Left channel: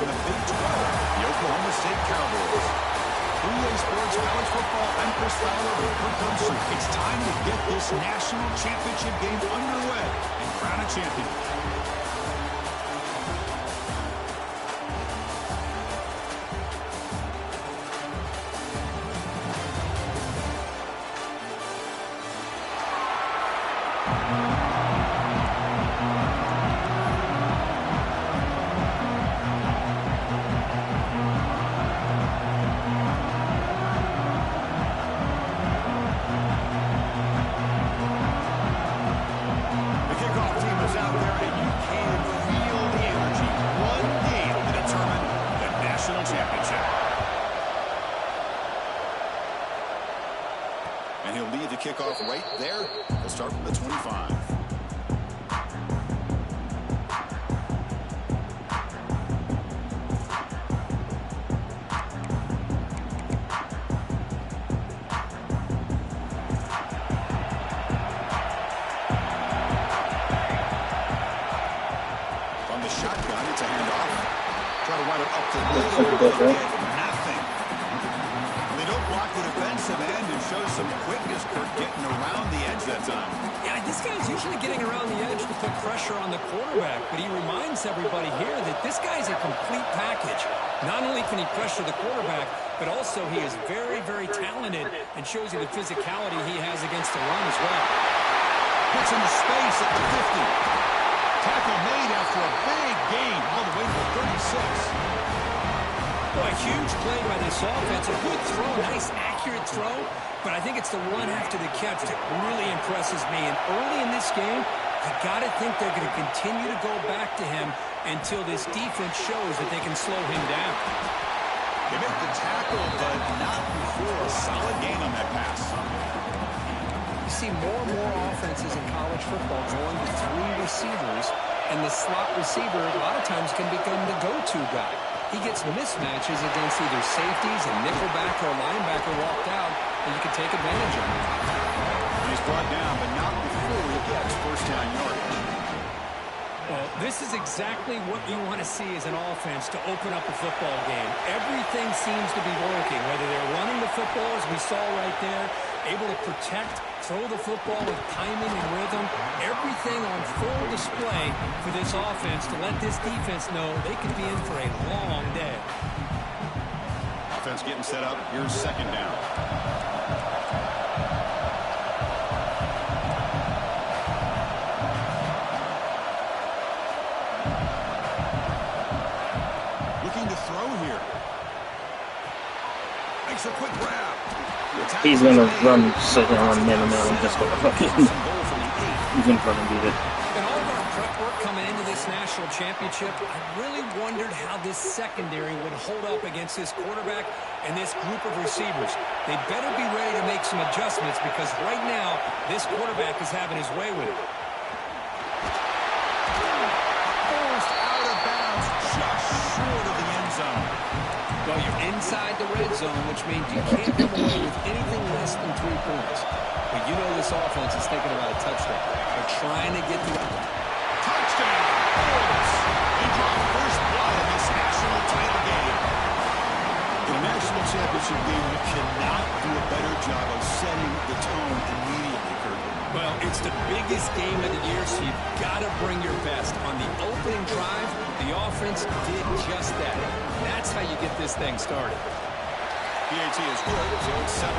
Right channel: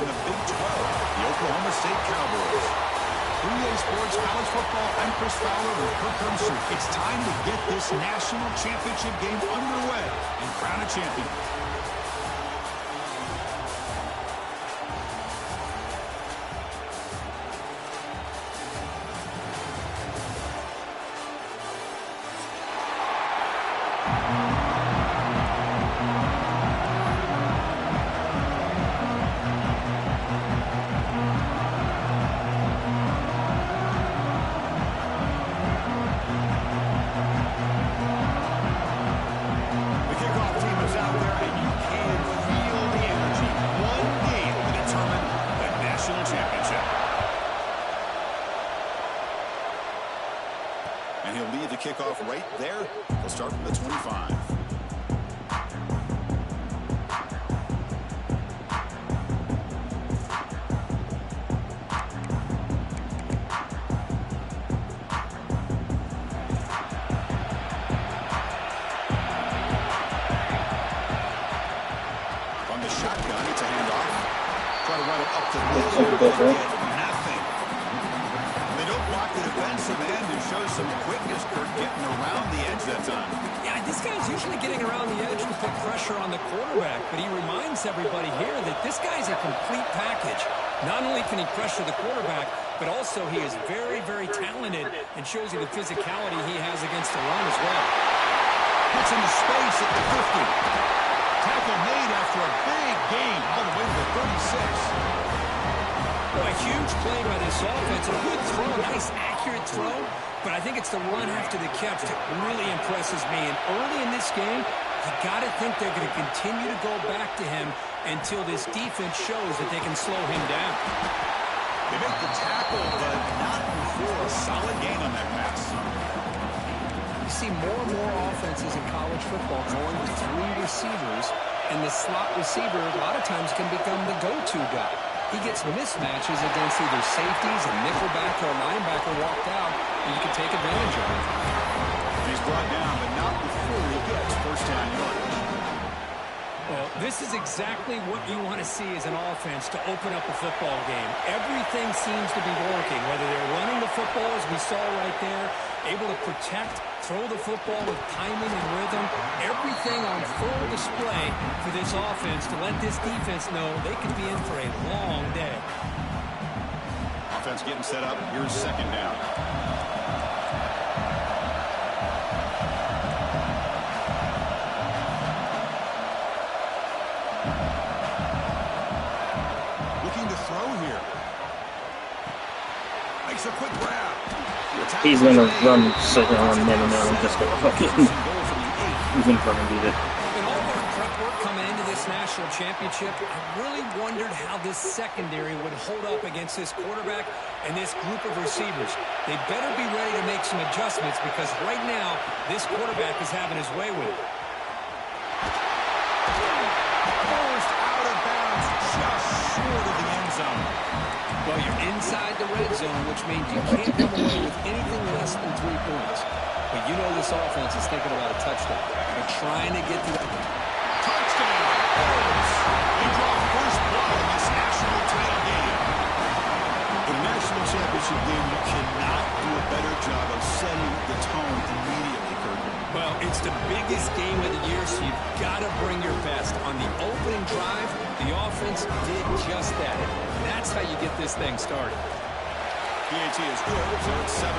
in the Big 12, the Oklahoma State Cowboys. 3A Sports College Football, I'm Chris Fowler with Kirk Herbstreit. It's time to get this national championship game underway and crown a champion. And he'll lead the kickoff right there. He'll start from the 25. From the shotgun, it's a handoff. Try to run it up the middle. Nothing. They don't block the defensive end and show some quickness, Kirk, getting around the edge that time. Yeah, this guy's usually getting around the edge to put pressure on the quarterback, but he reminds everybody here that this guy's a complete package. Not only can he pressure the quarterback, but also he is very, very talented and shows you the physicality he has against the run as well. Gets into space at the 50. Tackle made after a big gain all the way to the 36. Well, a huge play by this offense. A good throw, a nice accurate throw. But I think it's the run after the catch that really impresses me. And early in this game, you got to think they're going to continue to go back to him until this defense shows that they can slow him down. They make the tackle, but not before a solid gain on that pass. You see more and more offenses in college football going with 3 receivers, and the slot receiver a lot of times can become the go-to guy. He gets mismatches against either safeties, a nickelback, or a linebacker walked out, and you can take advantage of it. He's brought down, but not before he gets first down yardage. Well, this is exactly what you want to see as an offense to open up a football game. Everything seems to be working, whether they're running the football, as we saw right there, able to protect, throw the football with timing and rhythm. Everything on full display for this offense to let this defense know they could be in for a long day. Offense getting set up. Here's second down. Looking to throw here. Makes a quick grab. He's gonna run second on man and I'm just gonna fucking he's gonna fucking beat it. In all of our prep work coming into this national championship, I really wondered how this secondary would hold up against this quarterback and this group of receivers. They better be ready to make some adjustments because right now, this quarterback is having his way with it. Forced out of bounds just short of the end zone. Well, you're inside the red zone, which means you can't come away with anything less than 3 points. But you know this offense is thinking about a touchdown. They're trying to get to that. Touchdown! Bulls! They draw first blood in this national title game. In a national championship game, you cannot do a better job of setting the tone immediately, Kirk. Well, it's the biggest game of the year, so you've got to bring your best. On the opening drive, the offense did just that. That's how you get this thing started. PAT is good, so it's 7-0.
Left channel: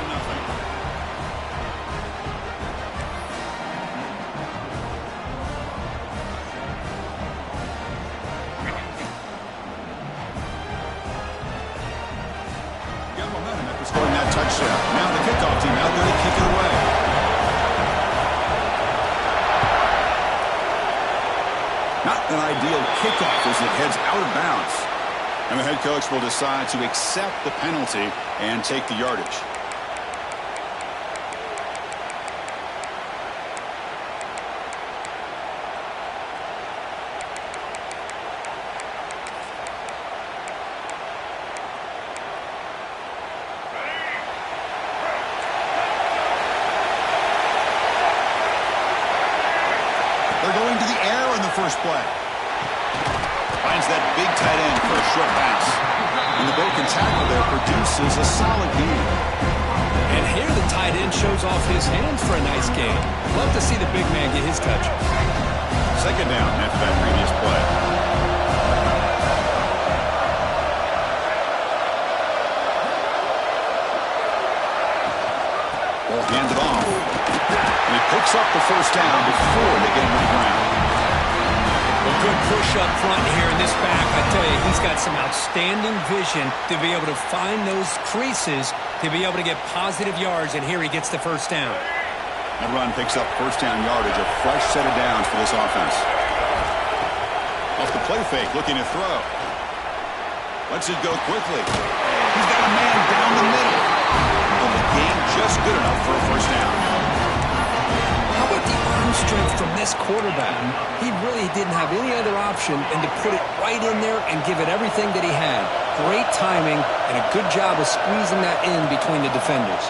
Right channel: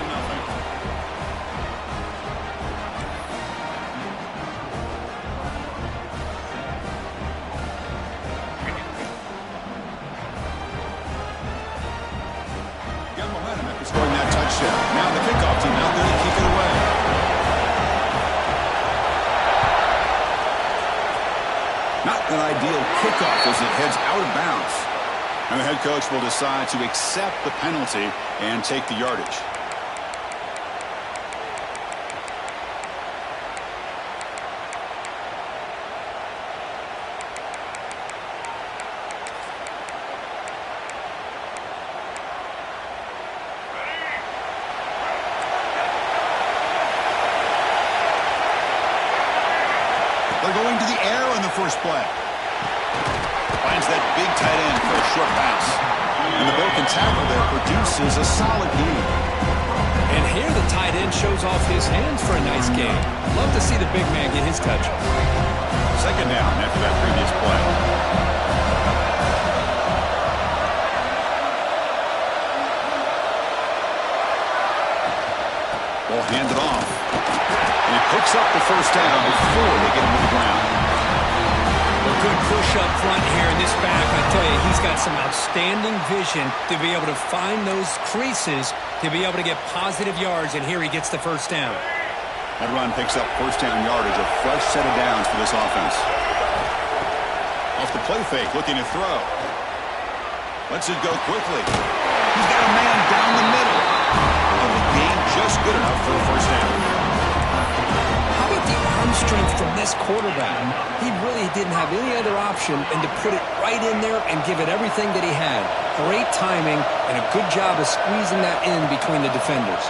Got momentum after scoring that touchdown. Now the kickoff team out there to kick it away. Not an ideal kickoff as it heads out of bounds. And the head coach will decide to accept the penalty and take the yardage. They're going to the air on the first play. Finds that big tight end for a short pass. And the broken tackle there produces a solid gain. And here the tight end shows off his hands for a nice gain. Love to see the big man get his touch. Second down after that previous play. Ball handed off. And he picks up the first down before they get him to the ground. Well, good push up front here in this back. I tell you, he's got some outstanding vision to be able to find those creases, to be able to get positive yards, and here he gets the first down. That run picks up first down yardage, a fresh set of downs for this offense. Off the play fake, looking to throw. Lets it go quickly. He's got a man down the middle. And the gain just good enough for a first down. How about the arm strength from this quarterback? He really didn't have any other option than to put it right in there and give it everything that he had. Great timing and a good job of squeezing that in between the defenders.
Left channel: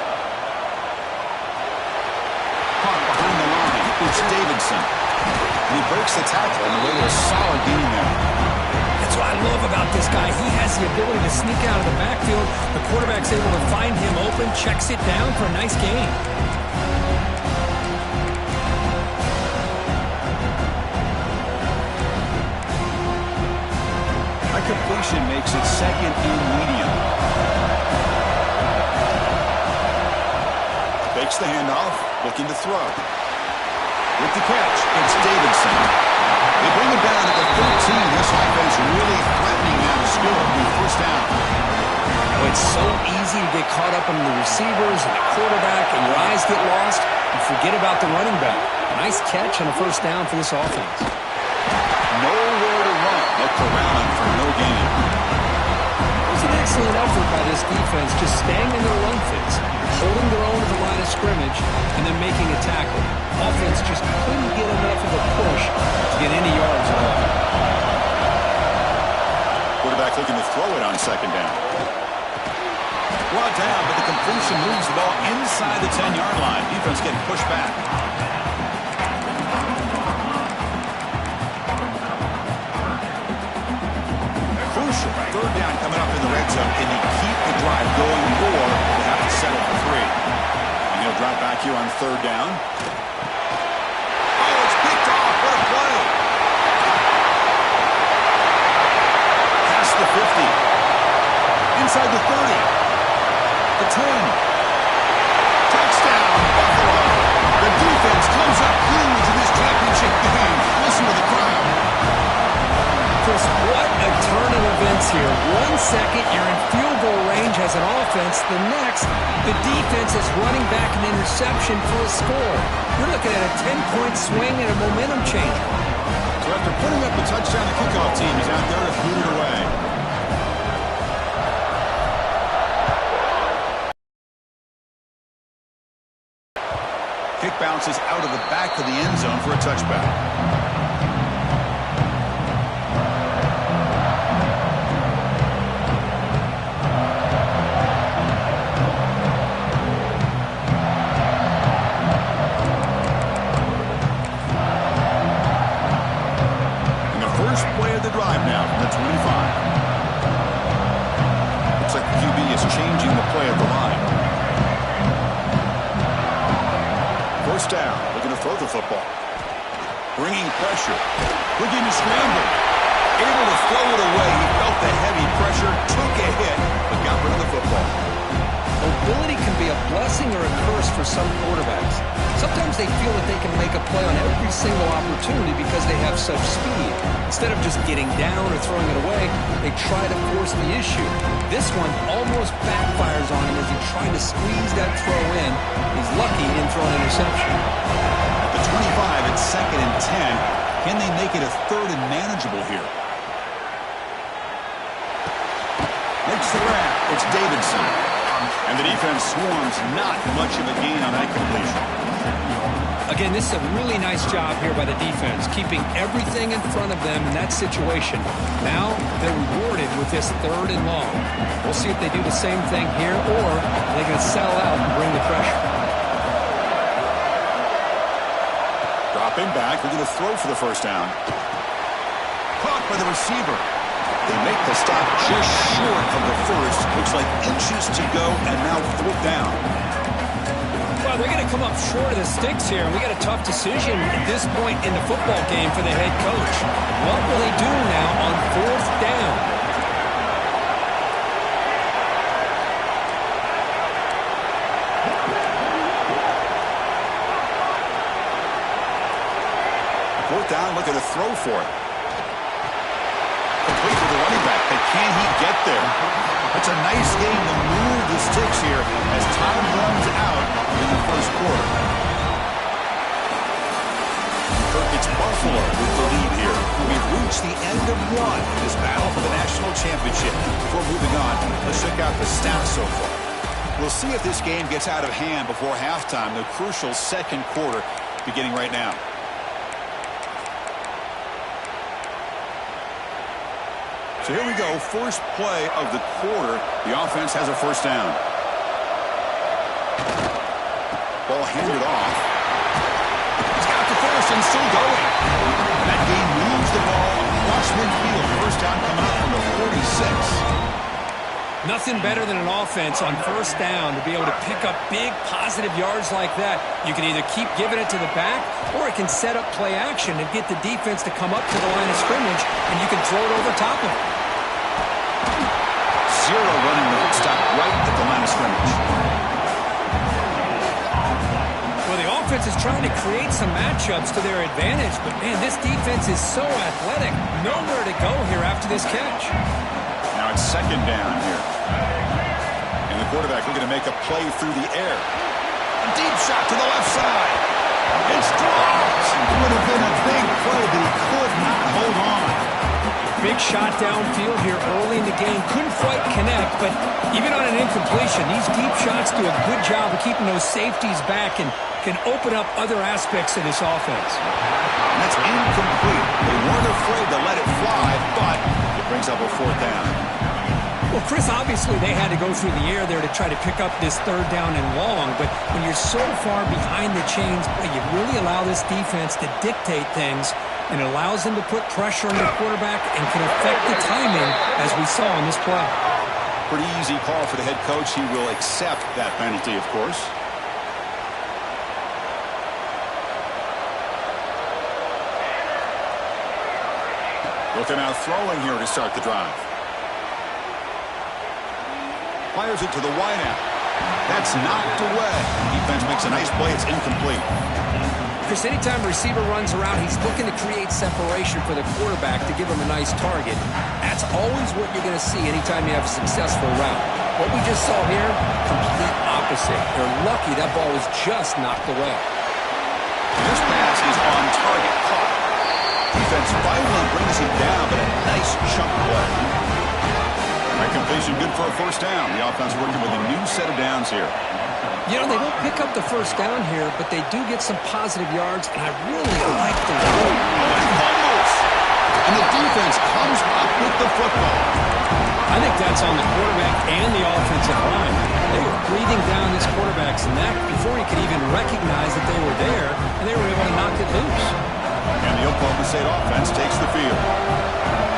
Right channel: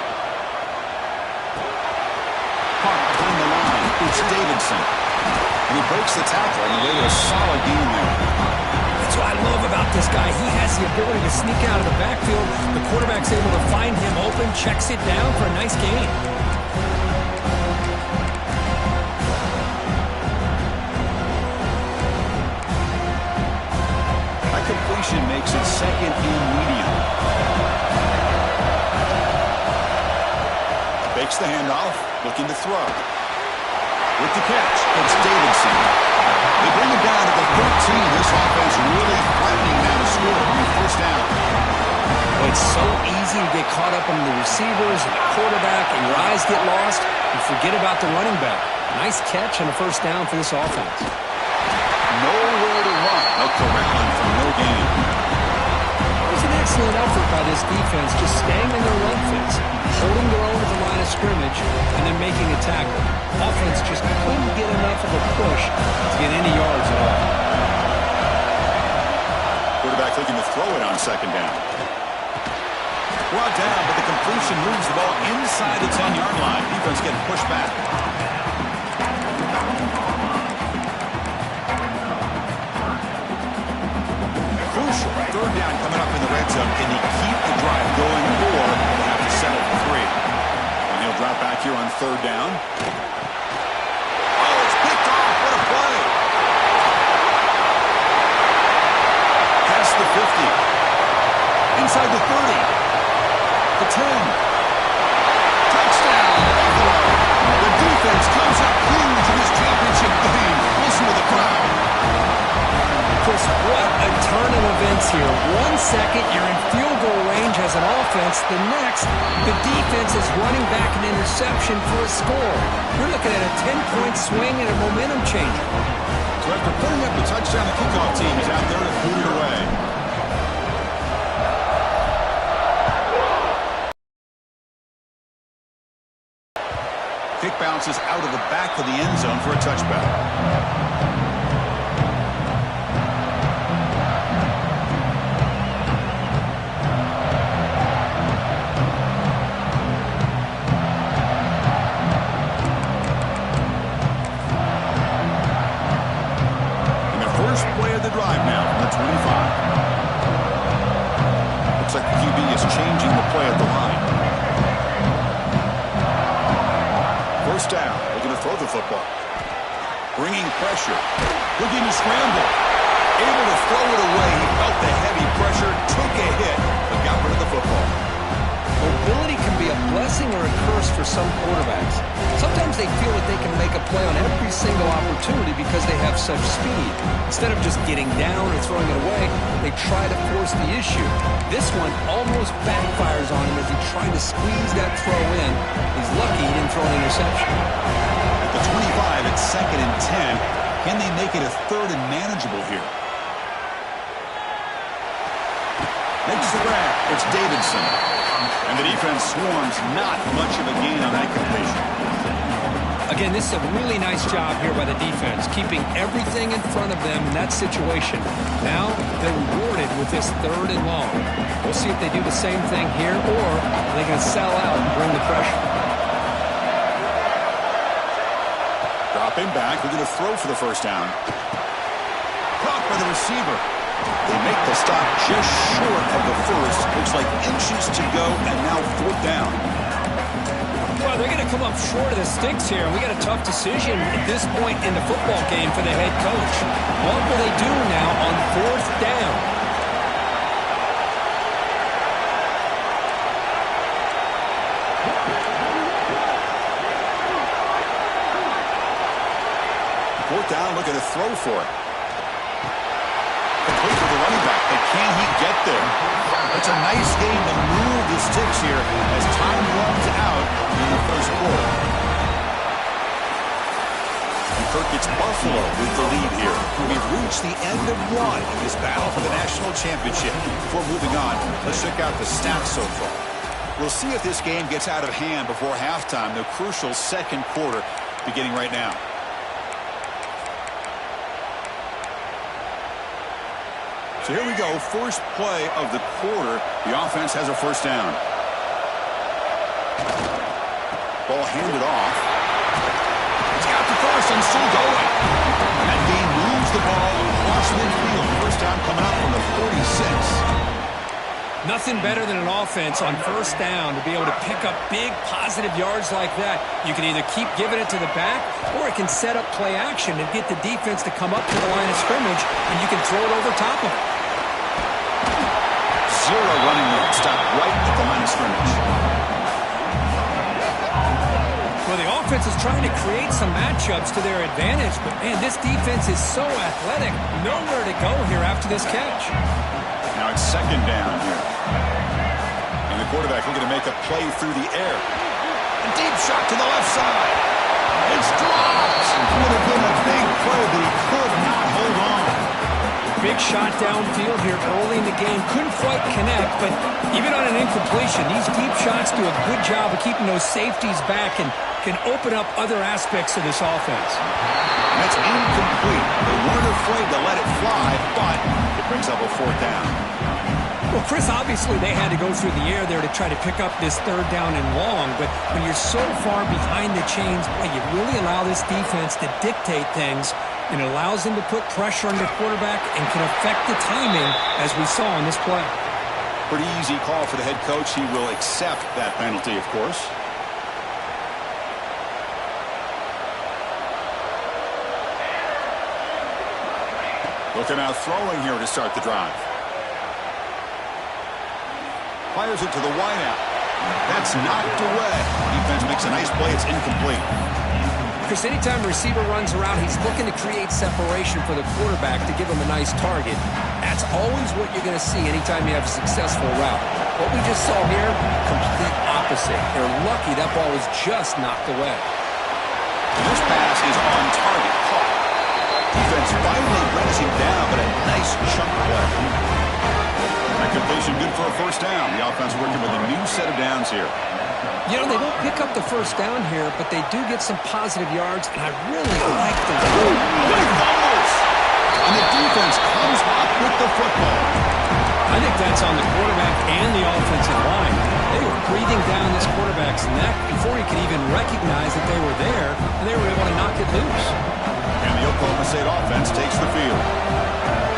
Caught behind the line. It's Davidson. And he breaks the tackle on the way to a solid gain there. That's what I love about this guy. He has the ability to sneak out of the backfield. The quarterback's able to find him open, checks it down for a nice gain. That completion makes it second and medium. Fakes the handoff, looking to throw. With the catch, it's Davidson. They bring him down at the 13. This offense really threatening now to score on the first down. Well, it's so easy to get caught up on the receivers and the quarterback, and your eyes get lost. You forget about the running back. Nice catch and a first down for this offense. Nowhere to run. They'll corral him for no gain. It was an excellent effort by this defense, just staying in their run fits, holding their own at the line of scrimmage, and then making a tackle. Offense just couldn't get enough of a push to get any yards at all. Quarterback looking to throw it on second down. Brought down, but the completion moves the ball inside the 10-yard line. Defense getting pushed back. Crucial. Third down coming up in the red zone. Can they keep the drive going, or they have to settle for 3? And he'll drop back here on third down. Oh, it's picked off. What a play. Past the 50. Inside the 30. The 10. Touchdown, Buffalo. The defense comes up huge in this championship game. Listen to the crowd. Chris, what a turn of events here. 1 second, you're in field goal range as an offense. The next, the defense is running back an interception for a score. We're looking at a 10-point swing and a momentum changer. So after putting up the touchdown, the kickoff team is out there to boot it away. Kick bounces out of the back of the end zone for a touchback. First play of the drive now from the 25. Looks like the QB is changing the play at the line. First down, looking to throw the football. Bringing pressure. Looking to scramble. Able to throw it away. He felt the heavy pressure, took a hit, but got rid of the football. Mobility can be a blessing or a curse for some quarterbacks. Sometimes they feel that they can make a play on every single opportunity because they have such speed. Instead of just getting down or throwing it away, they try to force the issue. This one almost backfires on him as he tried to squeeze that throw in. He's lucky he didn't throw an interception. At the 25, it's 2nd and 10. Can they make it a 3rd and manageable here? Makes the grab. It's Davidson. And the defense swarms, not much of a gain on that completion. Again, this is a really nice job here by the defense, keeping everything in front of them in that situation. Now they're rewarded with this 3rd and long. We'll see if they do the same thing here, or they're going to sell out and bring the pressure. Dropping back, we're going to throw for the first down. Caught by the receiver. They make the stop just short of the first. Looks like inches to go, and now 4th down. Well, they're going to come up short of the sticks here, and we got a tough decision at this point in the football game for the head coach. What will they do now on 4th down? Fourth down, looking to throw for it. Complete to the running back, but can he get there? It's a nice game to move the sticks here as time runs out in the first quarter. And Kirk, it's Buffalo with the lead here. We've reached the end of one in this battle for the national championship. Before moving on, let's check out the stats so far. We'll see if this game gets out of hand before halftime, the crucial second quarter beginning right now. So here we go, first play of the quarter. The offense has a first down. Ball handed off. He's got the first and still going. And that gain moves the ball across midfield. First down coming up from the 46. Nothing better than an offense on first down to be able to pick up big positive yards like that. You can either keep giving it to the back, or it can set up play action and get the defense to come up to the line of scrimmage, and you can throw it over top of it. Zero running room, stopped right at the line of scrimmage. Well, the offense is trying to create some matchups to their advantage, but man, this defense is so athletic. Nowhere to go here after this catch. Now it's second down here. And the quarterback looking to make a play through the air. A deep shot to the left side. It's dropped. Would have been a big play, but he could not hold on. Big shot downfield here early in the game. Couldn't quite connect, but even on an incompletion, these deep shots do a good job of keeping those safeties back and can open up other aspects of this offense. And that's incomplete. They weren't afraid to let it fly, but it brings up a fourth down. Well, Chris, obviously they had to go through the air there to try to pick up this third down and long, but when you're so far behind the chains, you really allow this defense to dictate things, and it allows them to put pressure on the quarterback and can affect the timing, as we saw on this play. Pretty easy call for the head coach. He will accept that penalty, of course. Looking out throwing here to start the drive. Fires it to the wideout. That's knocked away. Defense makes a nice play. It's incomplete. Chris, anytime a receiver runs around, he's looking to create separation for the quarterback to give him a nice target. That's always what you're going to see anytime you have a successful route. What we just saw here, complete opposite. They're lucky that ball was just knocked away. And this pass is on target, caught. Defense finally brings him down, but a nice chunk play. That completion good for a first down. The offense working with a new set of downs here. You know, they don't pick up the first down here, but they do get some positive yards, and I really like the run. Oh, he fumbles! And the defense comes up with the football. I think that's on the quarterback and the offensive line. They were breathing down this quarterback's neck before he could even recognize that they were there, and they were able to knock it loose. And the Oklahoma State offense takes the field.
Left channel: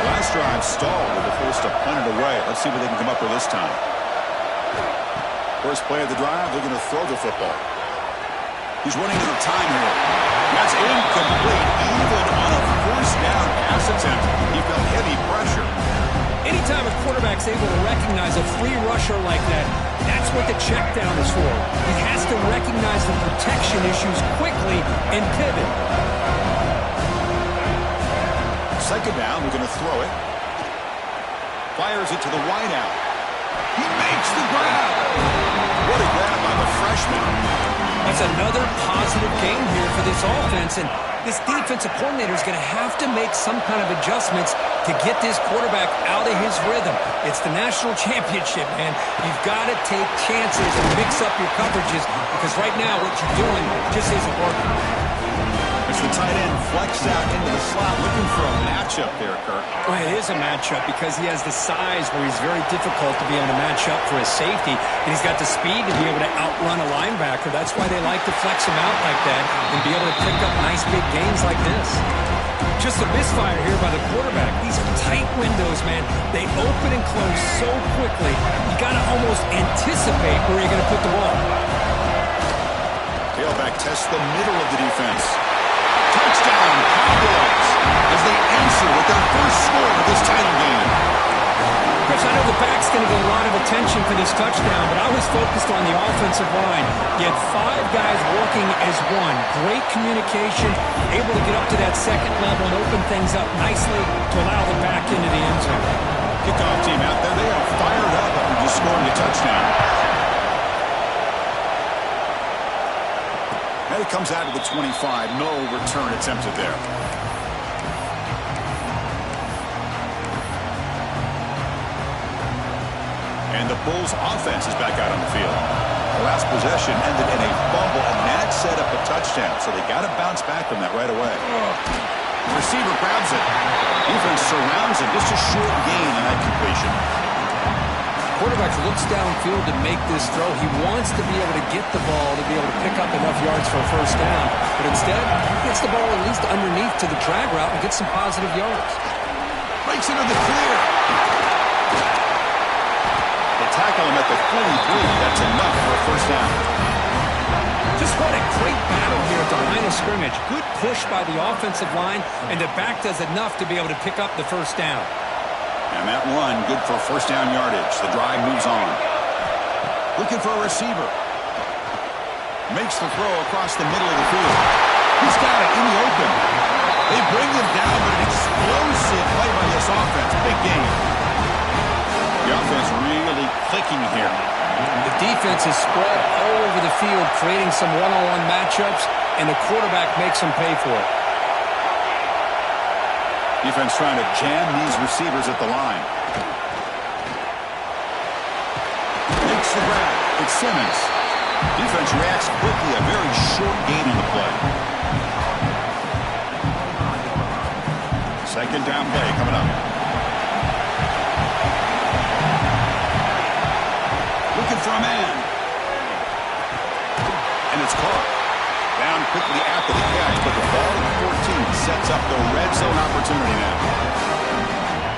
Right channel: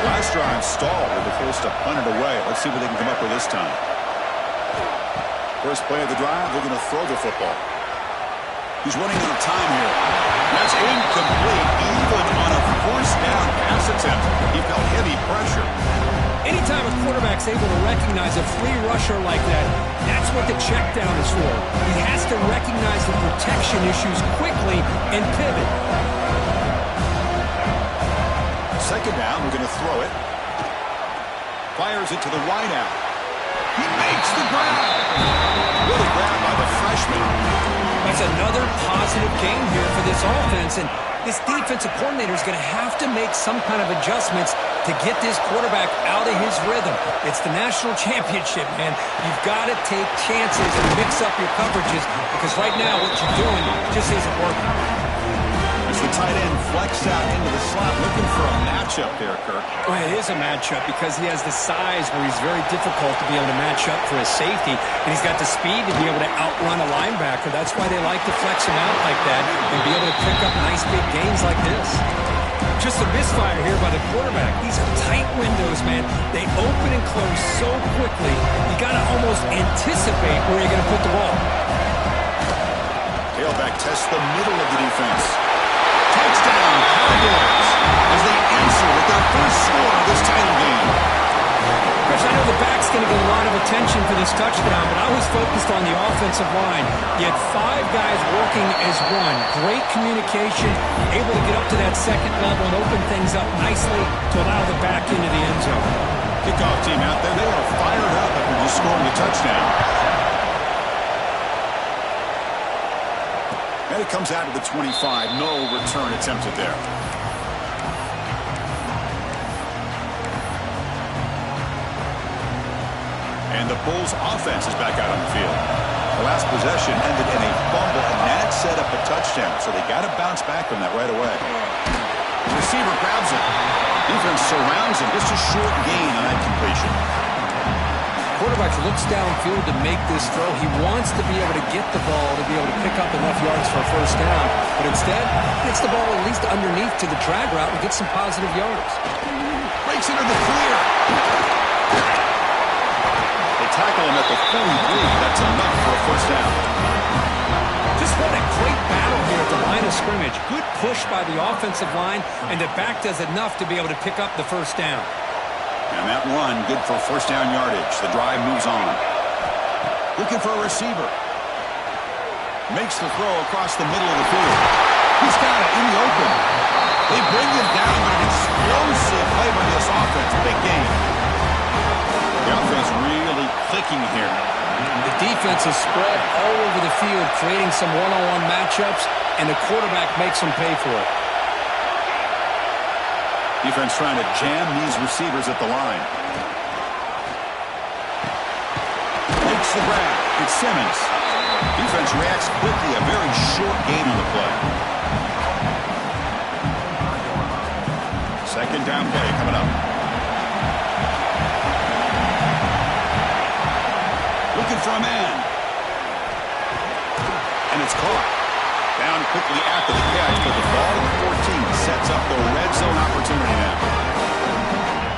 Last drive stalled. They were forced to punt it away. Let's see what they can come up with this time. First play of the drive, looking to throw the football. He's running out of time here. That's incomplete, even on a first down pass attempt. He felt heavy pressure. Anytime a quarterback's able to recognize a free rusher like that, that's what the check down is for. He has to recognize the protection issues quickly and pivot. Second down, we're going to throw it. Fires it to the wideout. He makes the grab. What a grab by the freshman. That's another positive game here for this offense, and this defensive coordinator is going to have to make some kind of adjustments to get this quarterback out of his rhythm. It's the national championship, man. You've got to take chances and mix up your coverages, because right now what you're doing just isn't working. As the tight end flexed out into the slot, looking for a matchup there, Kirk. Well, it is a matchup because he has the size where he's very difficult to be able to match up for his safety, and he's got the speed to be able to outrun a linebacker. That's why they like to flex him out like that and be able to pick up nice big gains like this. Just a misfire here by the quarterback. These are tight windows, man. They open and close so quickly, you got to almost anticipate where you're going to put the ball. Tailback tests the middle of the defense. Touchdown, Cowboys, as they answer with their first score of this title game. Chris, I know the back's going to get a lot of attention for this touchdown, but I was focused on the offensive line. You had 5 guys working as one. Great communication, able to get up to that second level and open things up nicely to allow the back into the end zone. Kickoff team out there, they are fired up after just scoring a touchdown. And it comes out of the 25. No return attempted there. And the Bulls offense is back out on the field. The last possession ended in a fumble, and that set up a touchdown. So they got to bounce back from that right away. The receiver grabs it. Defense surrounds him. Just a short gain on that completion. Quarterback looks downfield to make this throw. He wants to be able to get the ball to be able to pick up enough yards for a first down. But instead, he gets the ball at least underneath to the drag route and gets some positive yards. Breaks into the clear. They tackle him at the 43. That's enough for a first down. Just what a great battle here at the line of scrimmage. Good push by the offensive line, and the back does enough to be able to pick up the first down. And that run, good for first down yardage. The drive moves on. Looking for a receiver. Makes the throw across the middle of the field. He's got it in the open. They bring him down, but an explosive play by this offense. Big game. The offense really clicking here. The defense is spread all over the field, creating some one-on-one matchups, and the quarterback makes them pay for it. Defense trying to jam these receivers at the line. Makes the grab. It's Simmons. Defense reacts quickly. A very short gain on the play. Second down play coming up. Looking for a man. And it's caught. Down quickly after the catch, but the ball at the 14 sets up the red zone opportunity now.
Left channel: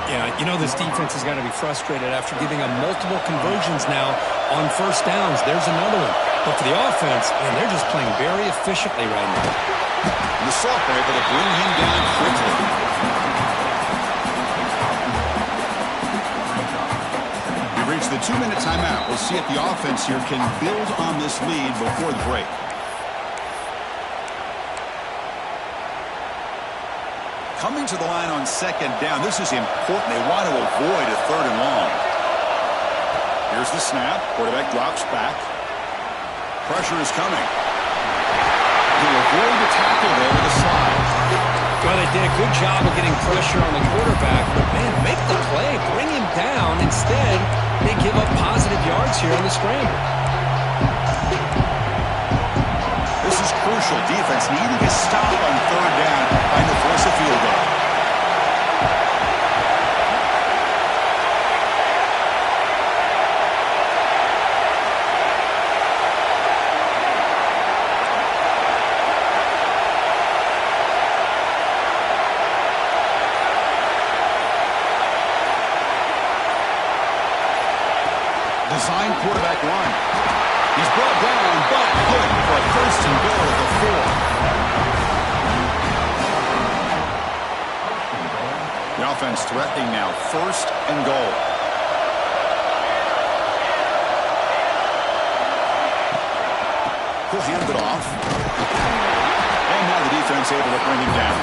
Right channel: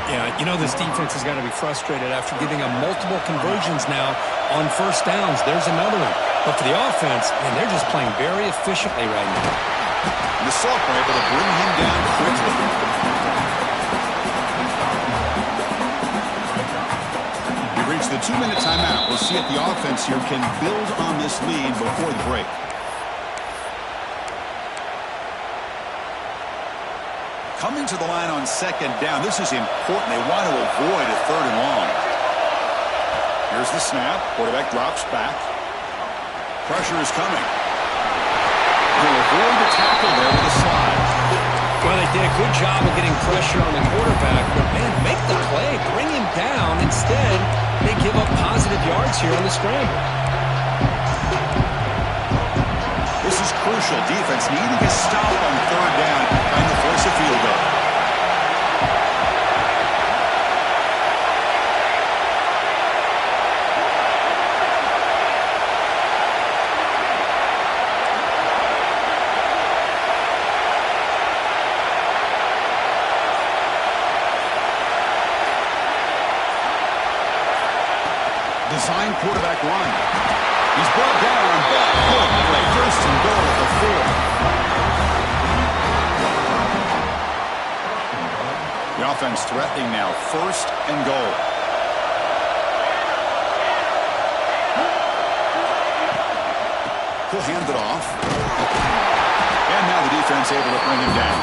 Yeah, you know this defense has got to be frustrated after giving up multiple conversions now on first downs. There's another one. But for the offense, man, they're just playing very efficiently right now. And the Salk were able to bring him down quickly. We've reached the 2-minute timeout. We'll see if the offense here can build on this lead before the break. Coming to the line on second down. This is important. They want to avoid a third and long. Here's the snap. Quarterback drops back. Pressure is coming. He'll avoid the tackle there with a slide. Well, they did a good job of getting pressure on the quarterback, but, man, make the play. Bring him down. Instead, they give up positive yards here on the scramble. This is crucial. Defense needing a stop on third down, trying to force a field goal. Design quarterback run. He's brought down, but good for a first and goal at the 4. The offense threatening now, first and goal. He'll hand it off. And now the defense able to bring him down.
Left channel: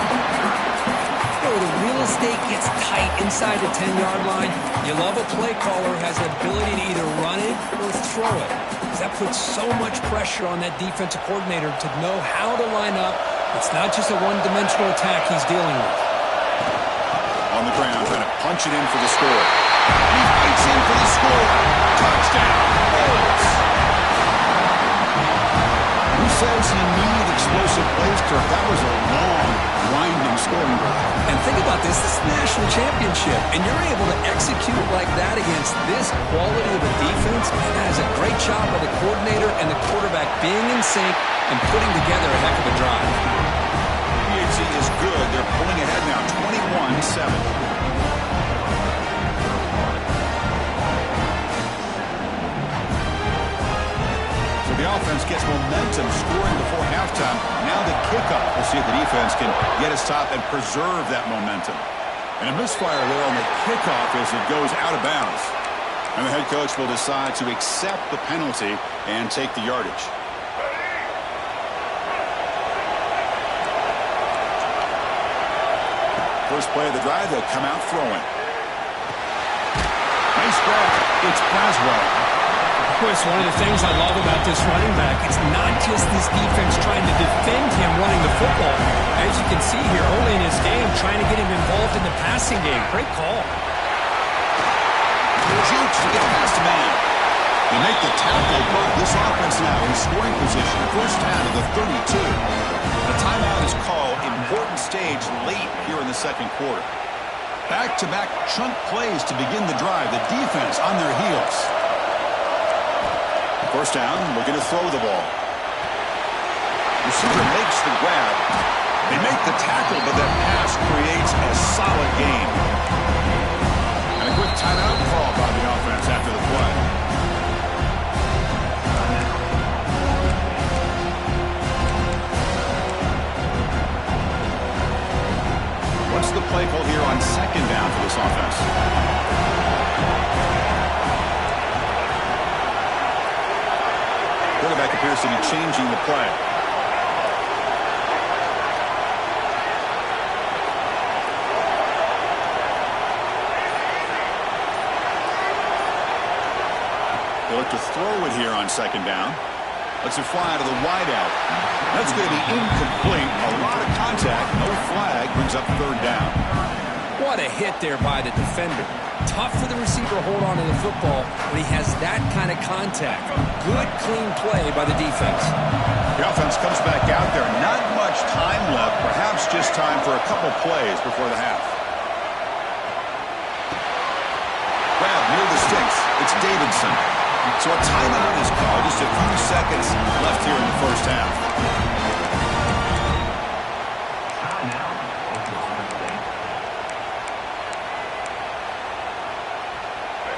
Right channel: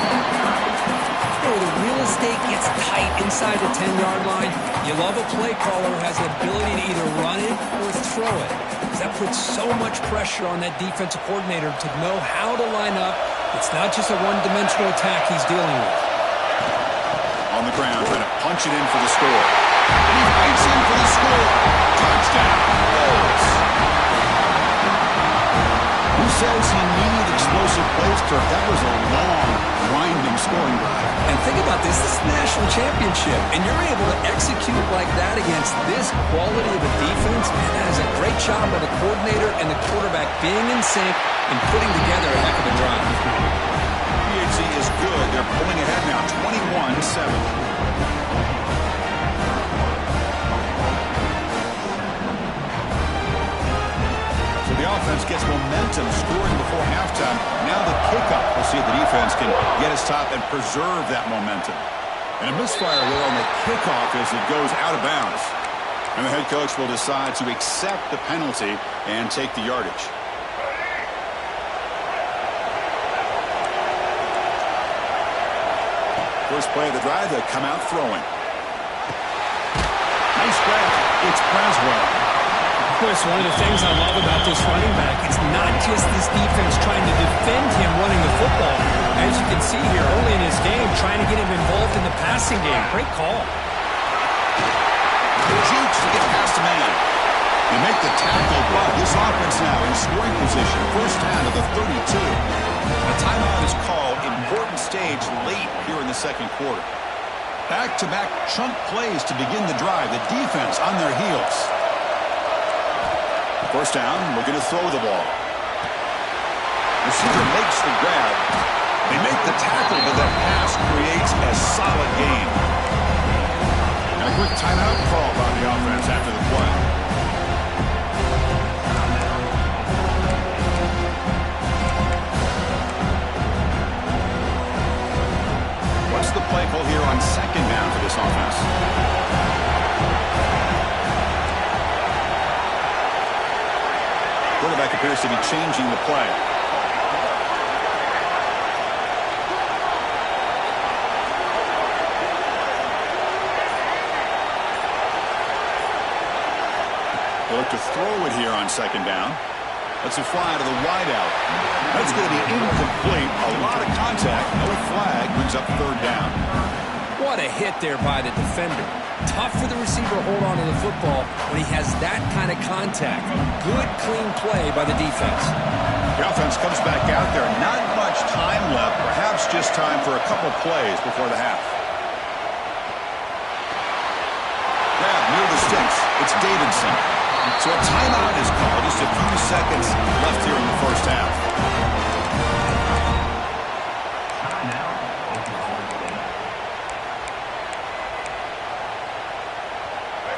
The real estate gets tight inside the 10-yard line. You love a play caller who has the ability to either run it or throw it. Because that puts so much pressure on that defensive coordinator to know how to line up. It's not just a one-dimensional attack he's dealing with. On the ground, trying to punch it in for the score. And he fights in for the score. Touchdown, Bulls. Who says you need explosive plays, Turk? That was a long, winding scoring drive. And think about this. This is the national championship, and you're able to execute like that against this quality of a defense. Man, that is a great job by the coordinator and the quarterback being in sync and putting together a heck of a drive. PHC is good. They're pulling ahead now, 21-7. So the offense gets momentum scoring before halftime. Now the kickoff. We'll see if the defense can get a stop and preserve that momentum. And a misfire there on the kickoff as it goes out of bounds. And the head coach will decide to accept the penalty and take the yardage. First play of the drive, they'll come out throwing. Nice grab. It's Braswell. Of course, one of the things I love about this running back, it's not just this defense trying to defend him running the football. As you can see here early in his game, trying to get him involved in the passing game. Great call. Jukes to get past a man. They make the tackle, but this offense now in scoring position. First down of the 32. A timeout is called. Important stage late here in the second quarter. Back-to-back chunk plays to begin the drive. The defense on their heels. First down, looking to throw the ball. Receiver makes the grab. They make the tackle, but that pass creates a solid gain. And a quick timeout call by the offense after the play. What's the play call here on second down for this offense? Quarterback appears to be changing the play. They look to throw it here on second down. Let's it fly to the wideout. That's going to be incomplete. A lot of contact. No flag. Brings up third down. What a hit there by the defender. Tough for the receiver to hold on to the football when he has that kind of contact. Good, clean play by the defense. The offense comes back out there. Not much time left. Perhaps just time for a couple plays before the half. Grab near the sticks. It's Davidson. So a timeout is called. Just a few seconds left here in the first half.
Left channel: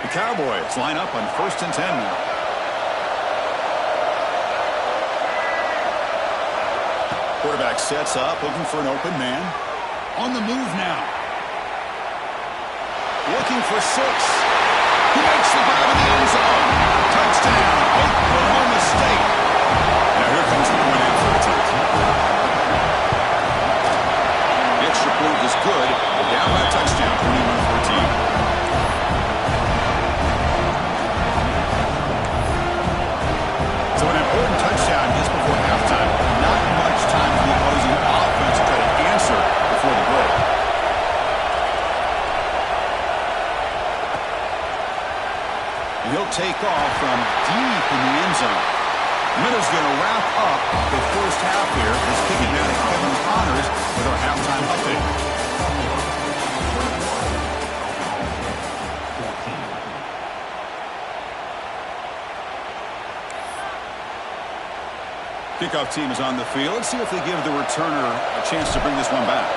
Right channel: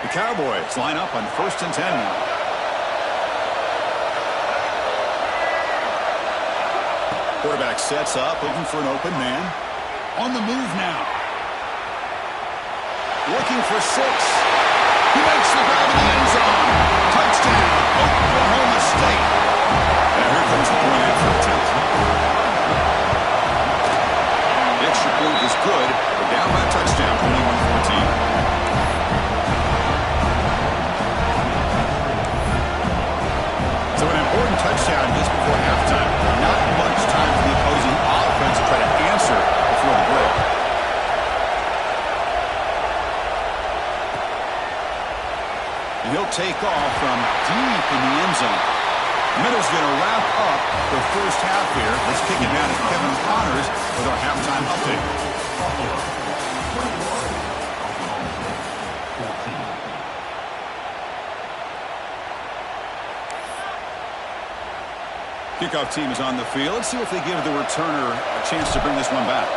The Cowboys line up on 1st and 10 now. Quarterback sets up, looking for an open man. On the move now. Looking for 6. He makes the grab in the end zone. Touchdown, Oklahoma State. Now here comes the point after attempt. The extra point is good. We're down by a touchdown, 21-14. So an important touchdown just before halftime. Not much time for the opposing offense to try to answer before the break. And he'll take off from deep in the end zone. Miller's going to wrap up the first half here. Let's kick it down to Kevin Connors with our halftime update. Kickoff team is on the field. Let's see if they give the returner a chance to bring this one back.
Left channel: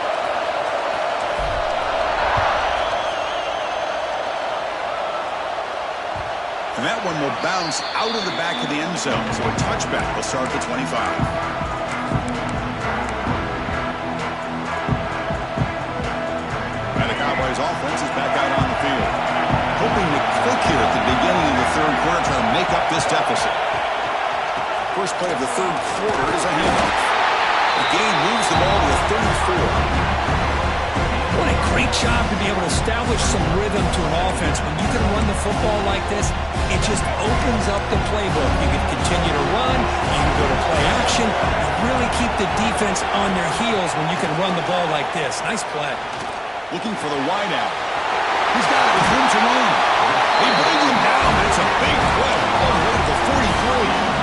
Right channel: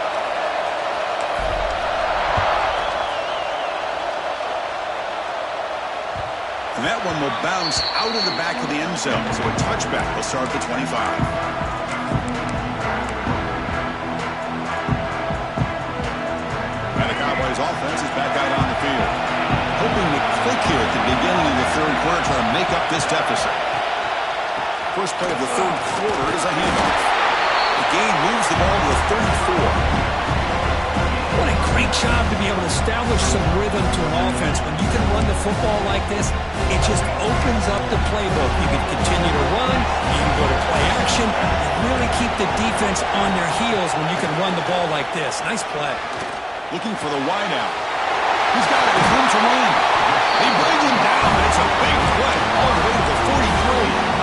And that one will bounce out of the back of the end zone. So a touchback will start at the 25. And the Cowboys offense is back out on the field. Hoping to click here at the beginning of the third quarter, trying to make up this deficit. First play of the third quarter is a handoff. The gain moves the ball to the 34. What a great job to be able to establish some rhythm to an offense. When you can run the football like this, it just opens up the playbook. You can continue to run. You can go to play action. You really keep the defense on their heels when you can run the ball like this. Nice play. Looking for the wideout. He's got it with room to run. He brings him down. It's a big play all the way to the 43.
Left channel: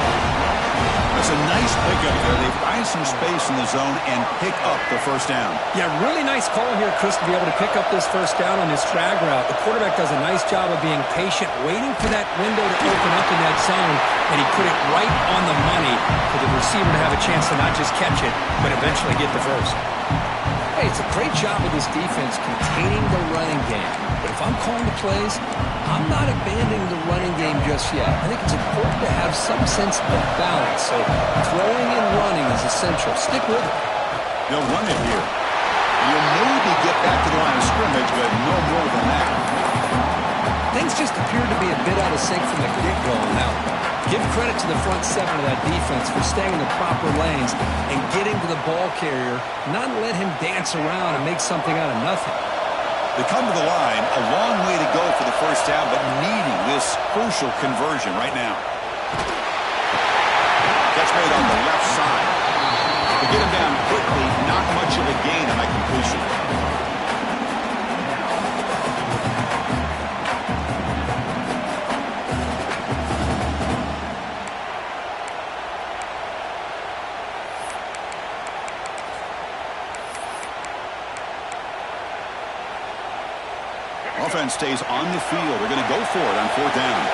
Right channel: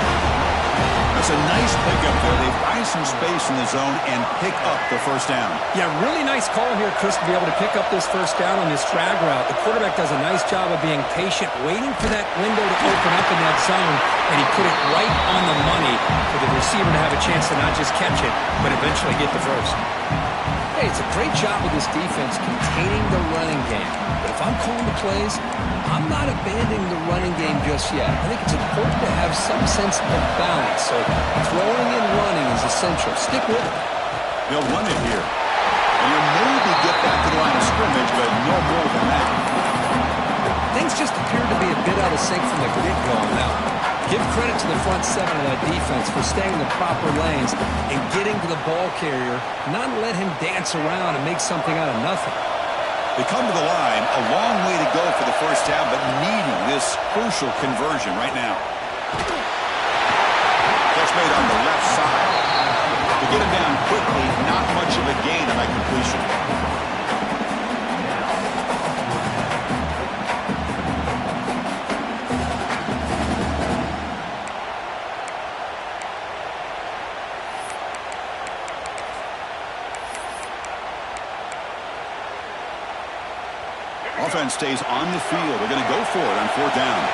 That's a nice pickup there. They find some space in the zone and pick up the first down. Yeah, really nice call here, Chris, to be able to pick up this first down on this drag route. The quarterback does a nice job of being patient, waiting for that window to open up in that zone, and he put it right on the money for the receiver to have a chance to not just catch it, but eventually get the first. Hey, it's a great job of this defense containing the running game. But if I'm calling the plays, I'm not abandoning the running game just yet. I think it's important to have some sense of balance. So throwing and running is essential. Stick with it. They'll run it here. And you'll maybe get back to the line of scrimmage, but no more than that. Things just appeared to be a bit out of sync from the get-go on that one. Give credit to the front seven of that defense for staying in the proper lanes and getting to the ball carrier, not let him dance around and make something out of nothing. They come to the line, a long way to go for the first down, but needing this crucial conversion right now. Catch made on the left side. To get him down quickly, not much of a gain on that completion. Offense stays on the field. They're going to go for it on fourth down.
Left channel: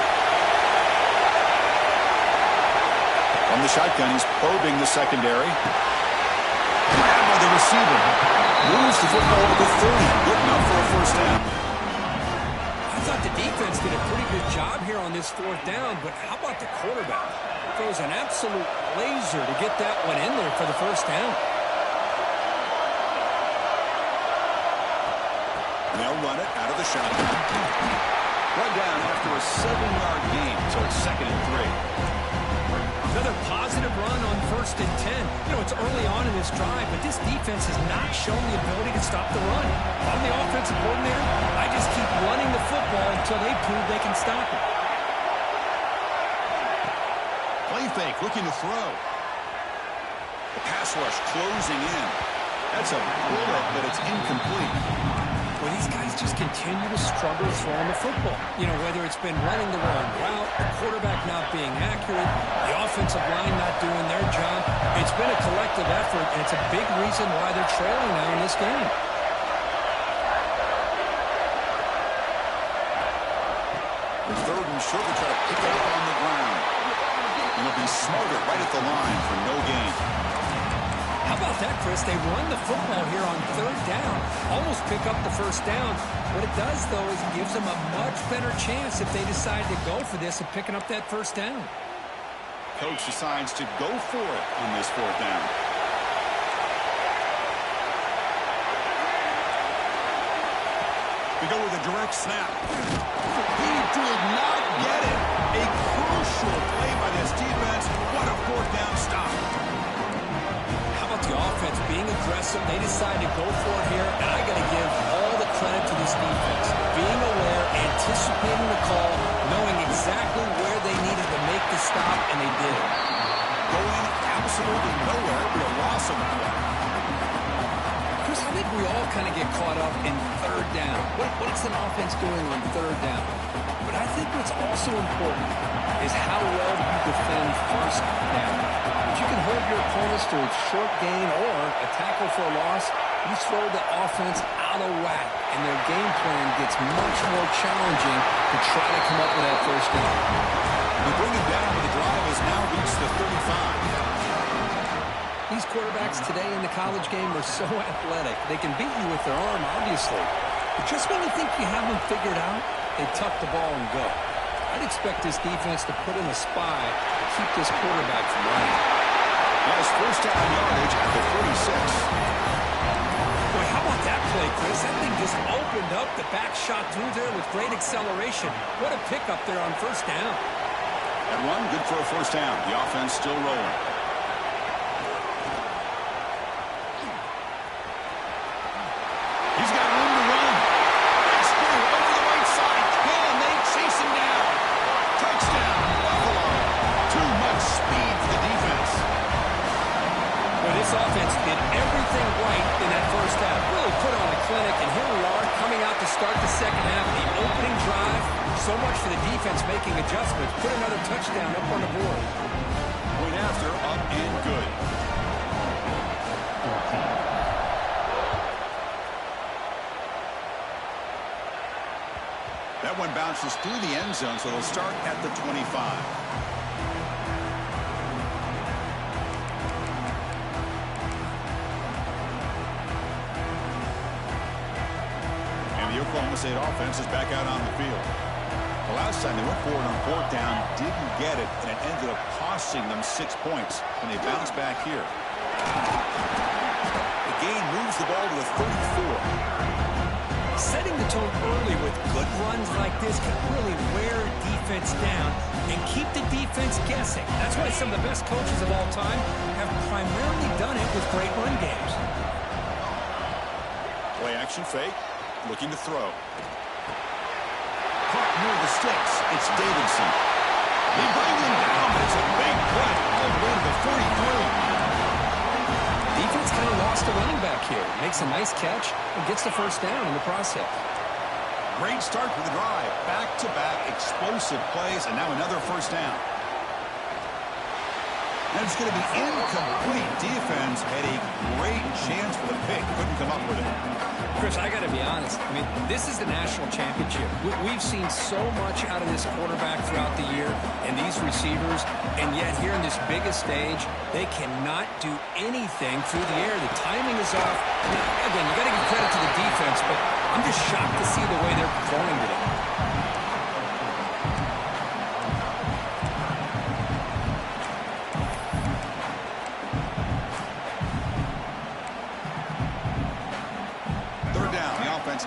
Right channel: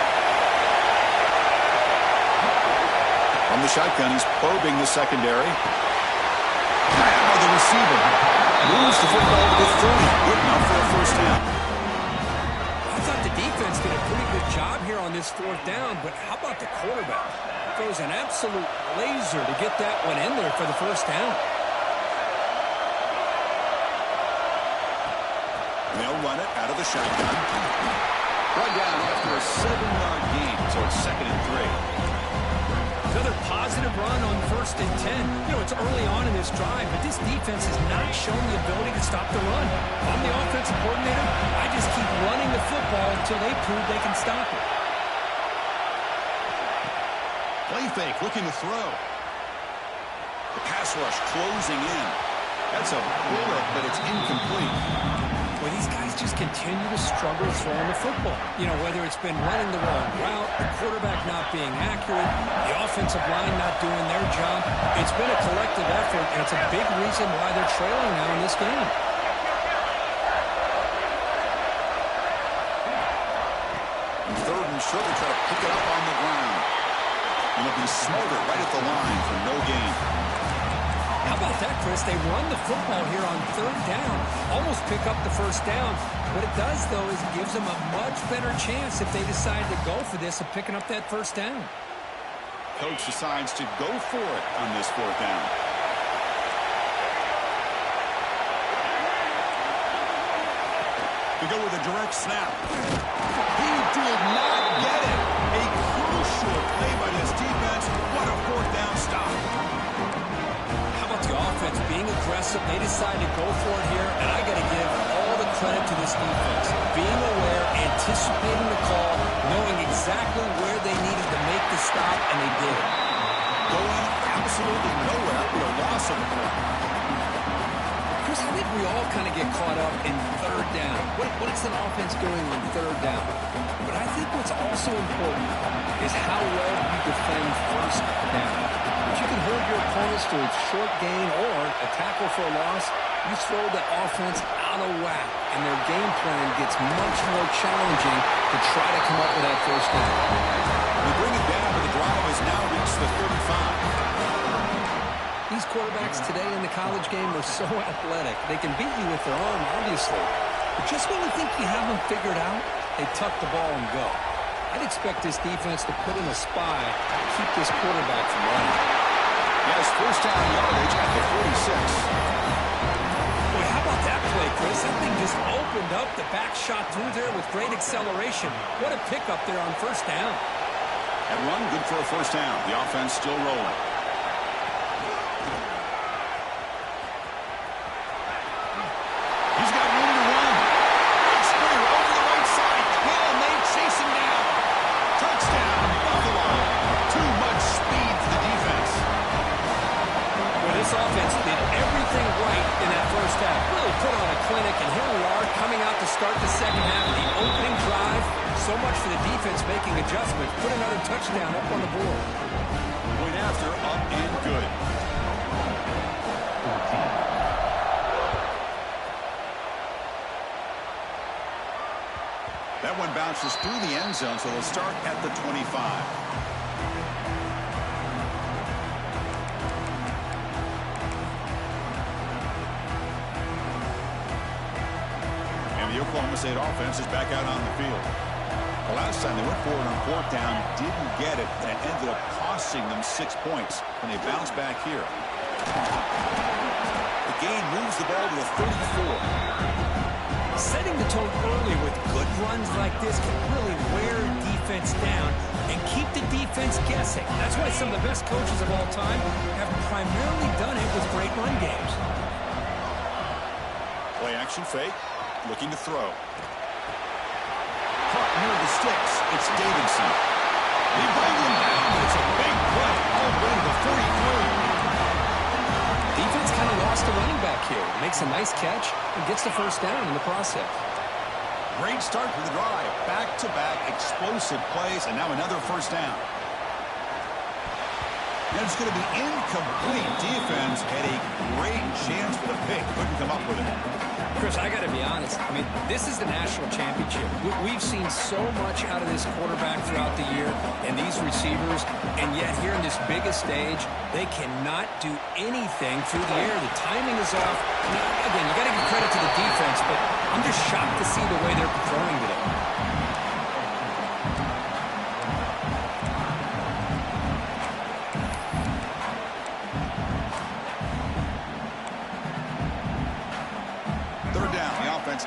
From the shotgun, he's probing the secondary. Grabbed by the receiver. Moves the football to the 30. Good enough for a first down. I thought the defense did a pretty good job here on this fourth down, but how about the quarterback? Throws an absolute laser to get that one in there for the first down. They'll run it out of the shotgun. Run down after a 7-yard gain, so it's 2nd and 3. Another positive run on 1st and 10. You know, it's early on in this drive, but this defense has not shown the ability to stop the run. If I'm the offensive coordinator, I just keep running the football until they prove they can stop it. Play fake, looking to throw. The pass rush closing in. That's a bullet, but it's incomplete. Well, these guys just continue to struggle throwing the football. You know, whether it's been running the wrong route, the quarterback not being accurate, the offensive line not doing their job. It's been a collective effort, and it's a big reason why they're trailing now in this game. And 3rd and short, they try to pick it up on the ground. And they'll be smarter right at the line for no gain. How about that, Chris? They run the football here on 3rd down, almost pick up the first down. What it does, though, is it gives them a much better chance if they decide to go for this of picking up that first down. Coach decides to go for it on this 4th down. We go with a direct snap. He did not get it. A crucial play by this defense. What a 4th down stop. How about the offense being aggressive? They decide to go for it here, and I got to give all the credit to this defense. Being aware, anticipating the call, knowing exactly where they needed to make the stop, and they did. Going absolutely nowhere with a loss on the play. Chris, I think we all kind of get caught up in 3rd down. What is an offense doing on 3rd down? But I think what's also important is how well do you defend 1st down. If you can hold your opponents to a short gain or a tackle for a loss, you throw the offense out of whack, and their game plan gets much more challenging to try to come up with that first down. They bring it down, but the drive has now reached the 35. These quarterbacks today in the college game are so athletic. They can beat you with their arm, obviously. But just when you think you have them figured out, they tuck the ball and go. I'd expect this defense to put in a spy to keep this quarterback from running. He has first down yardage at the 46. Boy, how about that play, Chris? That thing just opened up. The back shot through there with great acceleration. What a pickup there on first down. That run, good for a first down. The offense still rolling. He's got room to run. Big spear over the right side. Can they chase him down? Touchdown, Buffalo. Too much speed for the defense. Well, this offense did everything right in that first half. Really put on a clinic, and here we are coming out to start the second half. The opening drive, so much for the defense making adjustments. Put another touchdown up on the board. Point after, up and good. That one bounces through the end zone, so they'll start at the 25. And the Oklahoma State offense is back out on the field. The last time they went for it on fourth down, didn't get it, and it ended up costing them 6 points when they bounced back here. The gain moves the ball to the 34. Setting the tone early with good runs like this can really wear a defense down and keep the defense guessing. That's why some of the best coaches of all time have primarily done it with great run games. Play action fake, looking to throw. Caught near the sticks. It's Davidson. They bring him down, but it's a big play all the way to the 43. Defense kind of lost a running back here. Makes a nice catch and gets the first down in the process. Great start for the drive. Back-to-back explosive plays, and now another first down. And it's going to be incomplete. Defense had a great chance for the pick. Couldn't come up with it. Chris, I got to be honest. I mean, this is the national championship. We've seen so much out of this quarterback throughout the year and these receivers, and yet here in this biggest stage, they cannot do anything through the air. The timing is off. Now, again, you got to give credit to the defense, but I'm just shocked to see the way they're performing today.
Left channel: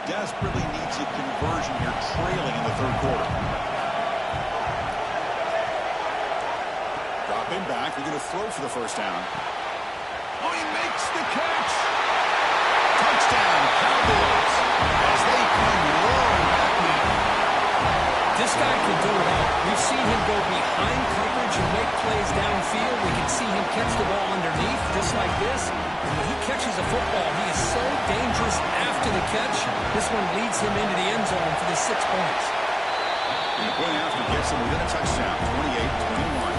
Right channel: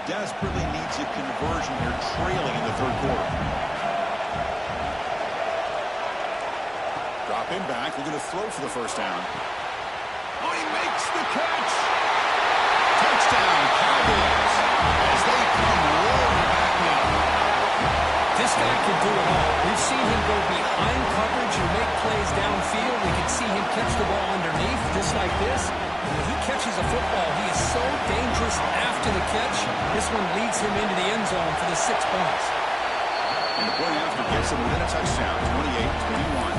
Desperately needs a conversion here, trailing in the third quarter. Drop him back. They're going to throw for the first down. Oh, he makes the catch. Touchdown, Cowboys, as they come roaring back now. This guy can do it all. We've seen him go behind coverage and make plays downfield. We can see him catch the ball underneath, just like this. And when he catches a football, he is so dangerous after the catch. This one leads him into the end zone for the 6 points. And the point after gets him within a touchdown, 28-21.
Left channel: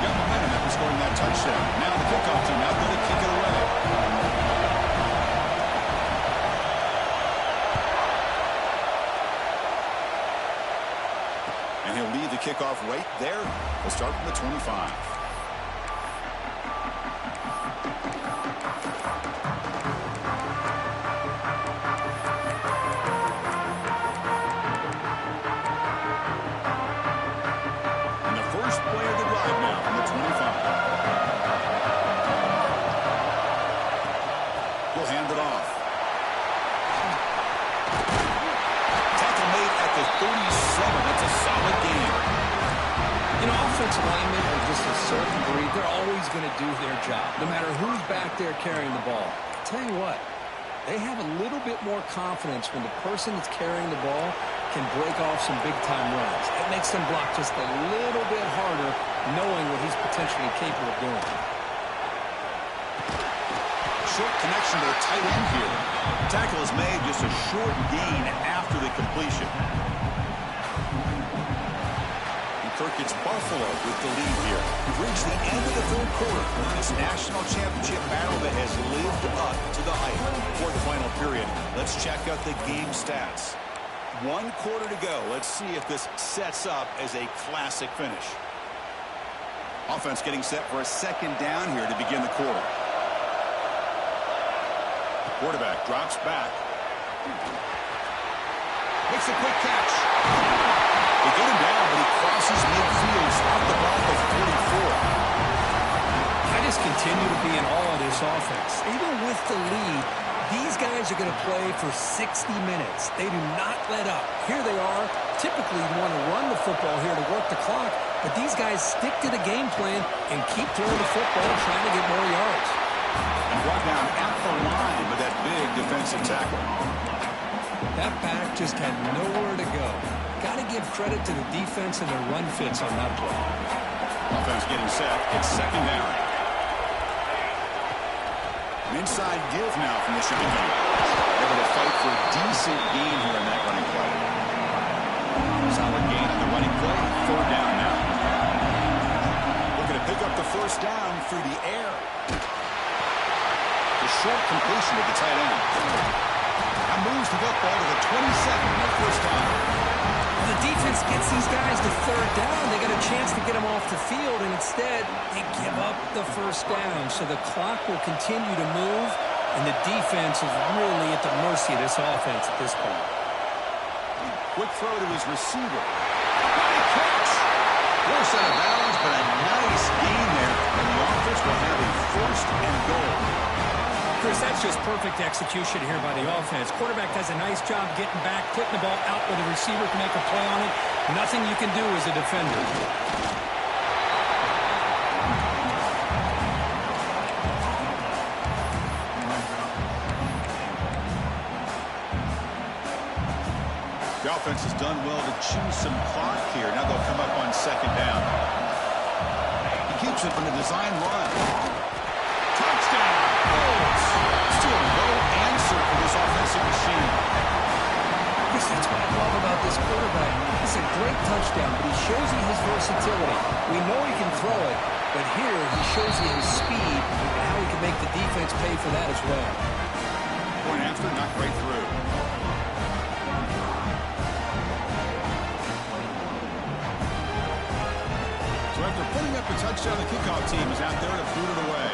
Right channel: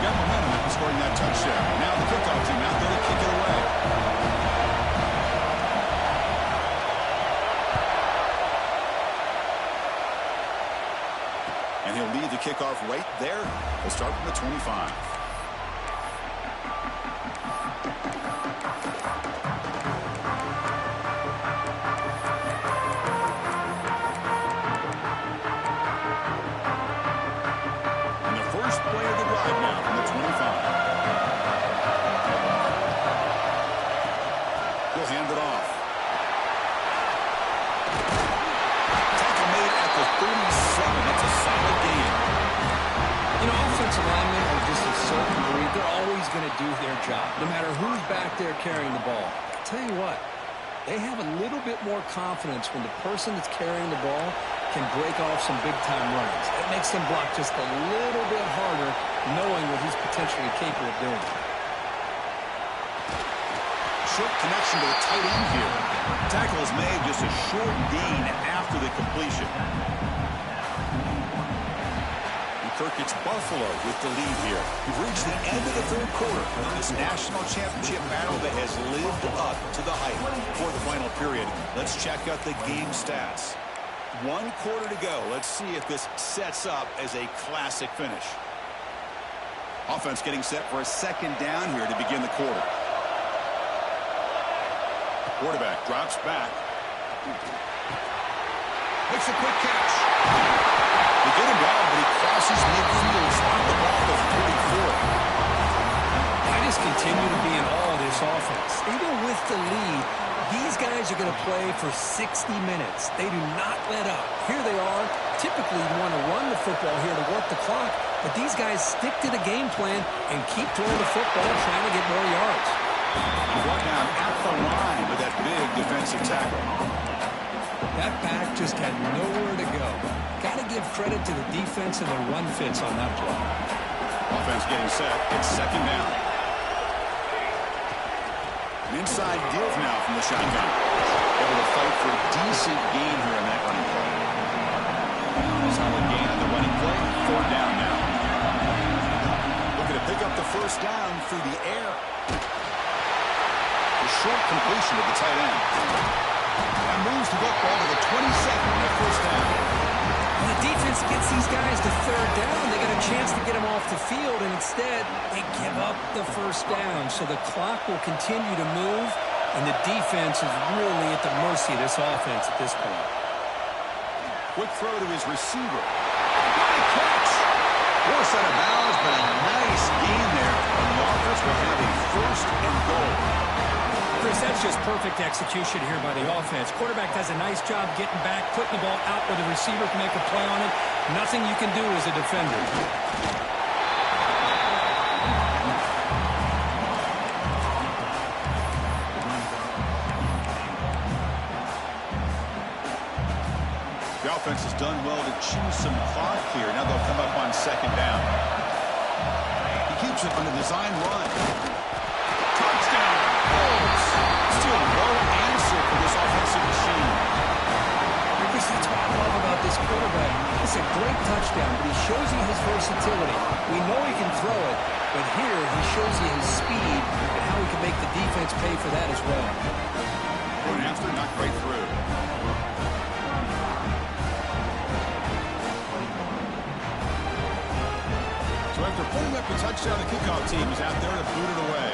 Got momentum after scoring that touchdown. Now the kickoff team out there to kick it away. And he'll lead the kickoff right there. We'll start from the 25. And the first play of the drive now from the 25. He'll hand it off. Tackle made at the 37. That's a solid gain. You know, offensive linemen are just a certain breed. They're always going to do their job, no matter who's back there carrying the ball. I'll tell you what, they have a little bit more confidence when the person that's carrying the ball can break off some big-time runs. It makes them block just a little bit harder, knowing what he's potentially capable of doing. Short connection to the tight end here. Tackle is made, just a short gain after the completion. And Kirk gets Buffalo with the lead here. We've reached the end of the third quarter in this national championship battle that has lived up to the hype. For the final period, let's check out the game stats. 1 quarter to go. Let's see if this sets up as a classic finish. Offense getting set for a second down here to begin the quarter. Quarterback drops back. Makes a quick catch. They get him down, but he crosses midfield. Stop the ball at the 44. I just continue to be in awe of this offense. Even with the lead, these guys are going to play for 60 minutes. They do not let up. Here they are. Typically, you want to run the football here to work the clock, but these guys stick to the game plan and keep throwing the football, trying to get more yards. And brought down at the line with that big defensive tackle. That back just had nowhere to go. Got to give credit to the defense and their run fits on that play. Offense getting set. It's second down. An inside give now from the shotgun. Able to fight for a decent gain here in that running play. Solid gain on the running play. Third down now. Looking to pick up the first down through the air. The short completion of the tight end. That moves the football to the 27 and a first down. Well, the defense gets these guys to third down. They got a chance to get them off the field, and instead they give up the first down. So the clock will continue to move, and the defense is really at the mercy of this offense at this point. Quick throw to his receiver. What a catch! Forced out of bounds, but a nice gain there, and the offense will have a first and goal. Chris, that's just perfect execution here by the offense. Quarterback does a nice job getting back, putting the ball out where the receiver can make a play on it. Nothing you can do as a defender. The offense has done well to chew some clock here. Now they'll come up on second down. He keeps it on a design run. Touchdown! Bolts! Still no answer for this offensive machine. Chris, that's what I love about this quarterback. It's a great touchdown, but he shows you his versatility. We know he can throw it, but here he shows you his speed and how he can make the defense pay for that as well. Point after, not right through. So after putting up a touchdown, the kickoff team is out there to boot it away.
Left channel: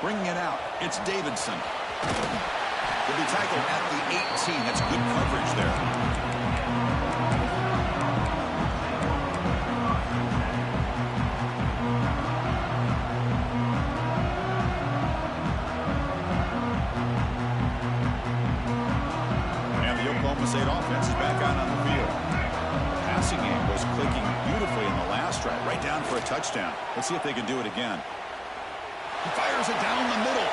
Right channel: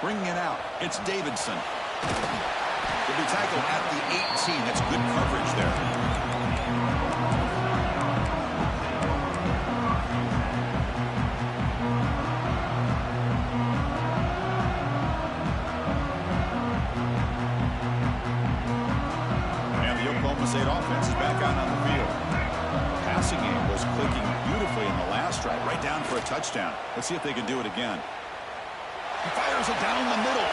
Bringing it out, it's Davidson. He'll be tackled at the 18. That's good coverage there. And the Oklahoma State offense is back out on the field. The passing game was clicking beautifully in the last drive, right down for a touchdown. Let's see if they can do it again. He fires it down the middle.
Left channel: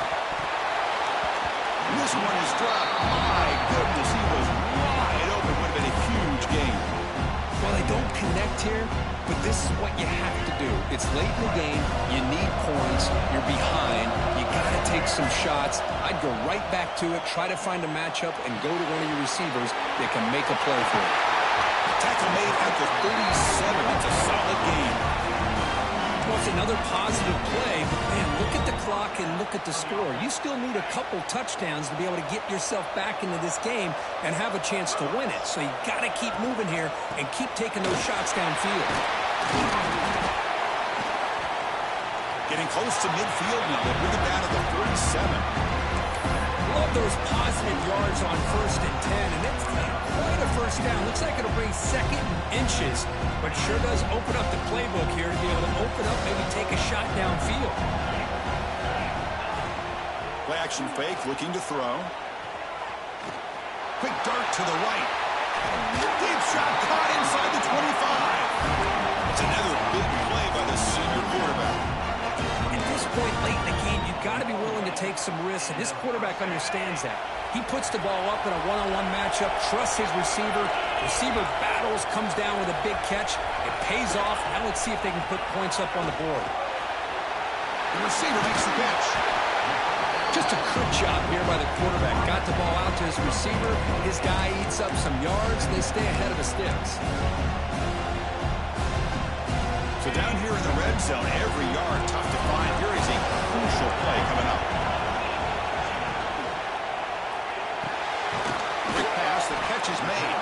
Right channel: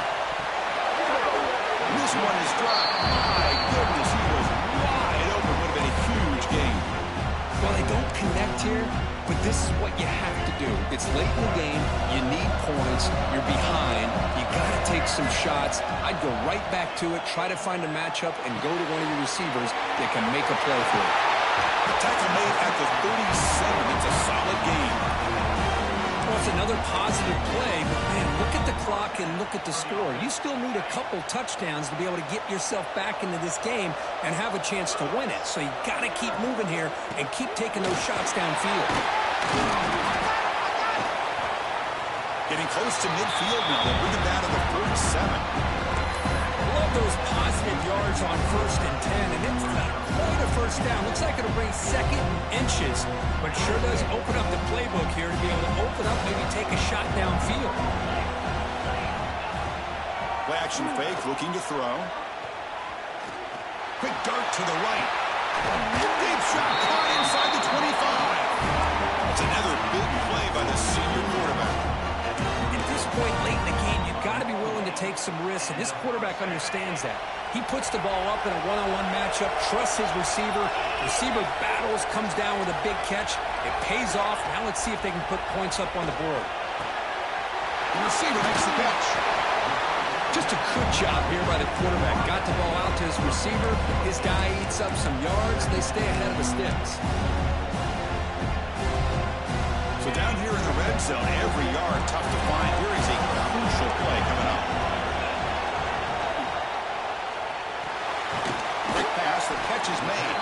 And this one is dropped. My goodness, he was wide open. Would have been a huge game. Well, they don't connect here, but this is what you have to do. It's late in the game. You need points. You're behind. You got to take some shots. I'd go right back to it, try to find a matchup, and go to one of your receivers that can make a play for you. The tackle made at the 37. It's a solid game. Well, it's another positive play, but, man, look at the clock and look at the score. You still need a couple touchdowns to be able to get yourself back into this game and have a chance to win it. So you got to keep moving here and keep taking those shots downfield. Getting close to midfield now. They bring it down to the 47. Love those positive yards on 1st and 10, and it's not quite a first down. Looks like it'll bring second and inches, but sure does open up the playbook here to be able to open up, maybe take a shot downfield. Play action fake, looking to throw. Quick dart to the right. Deep shot caught inside the 25. It's another big play by the senior quarterback. At this point late in the game, you've got to be willing to take some risks, and this quarterback understands that. He puts the ball up in a one-on-one matchup, trusts his receiver. Receiver battles, comes down with a big catch. It pays off. Now let's see if they can put points up on the board. The receiver makes the catch. Just a good job here by the quarterback. Got the ball out to his receiver. His guy eats up some yards. They stay ahead of the sticks. So down here in the red zone, every yard tough to find. Here is a crucial play coming up. Quick pass, the catch is made.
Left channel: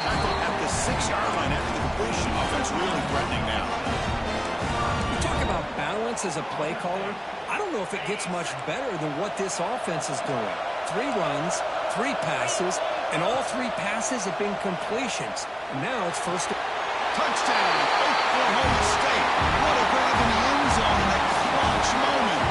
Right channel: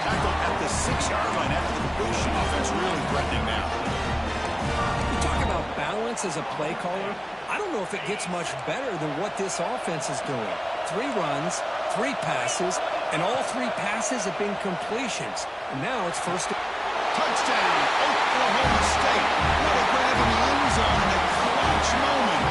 Tackled at the 6-yard line after the completion. Offense really threatening now. You talk about balance as a play caller. I don't know if it gets much better than what this offense is doing. 3 runs, 3 passes, and all 3 passes have been completions. And now it's first. Touchdown, Oklahoma State. What a grab in the end zone in a clutch moment.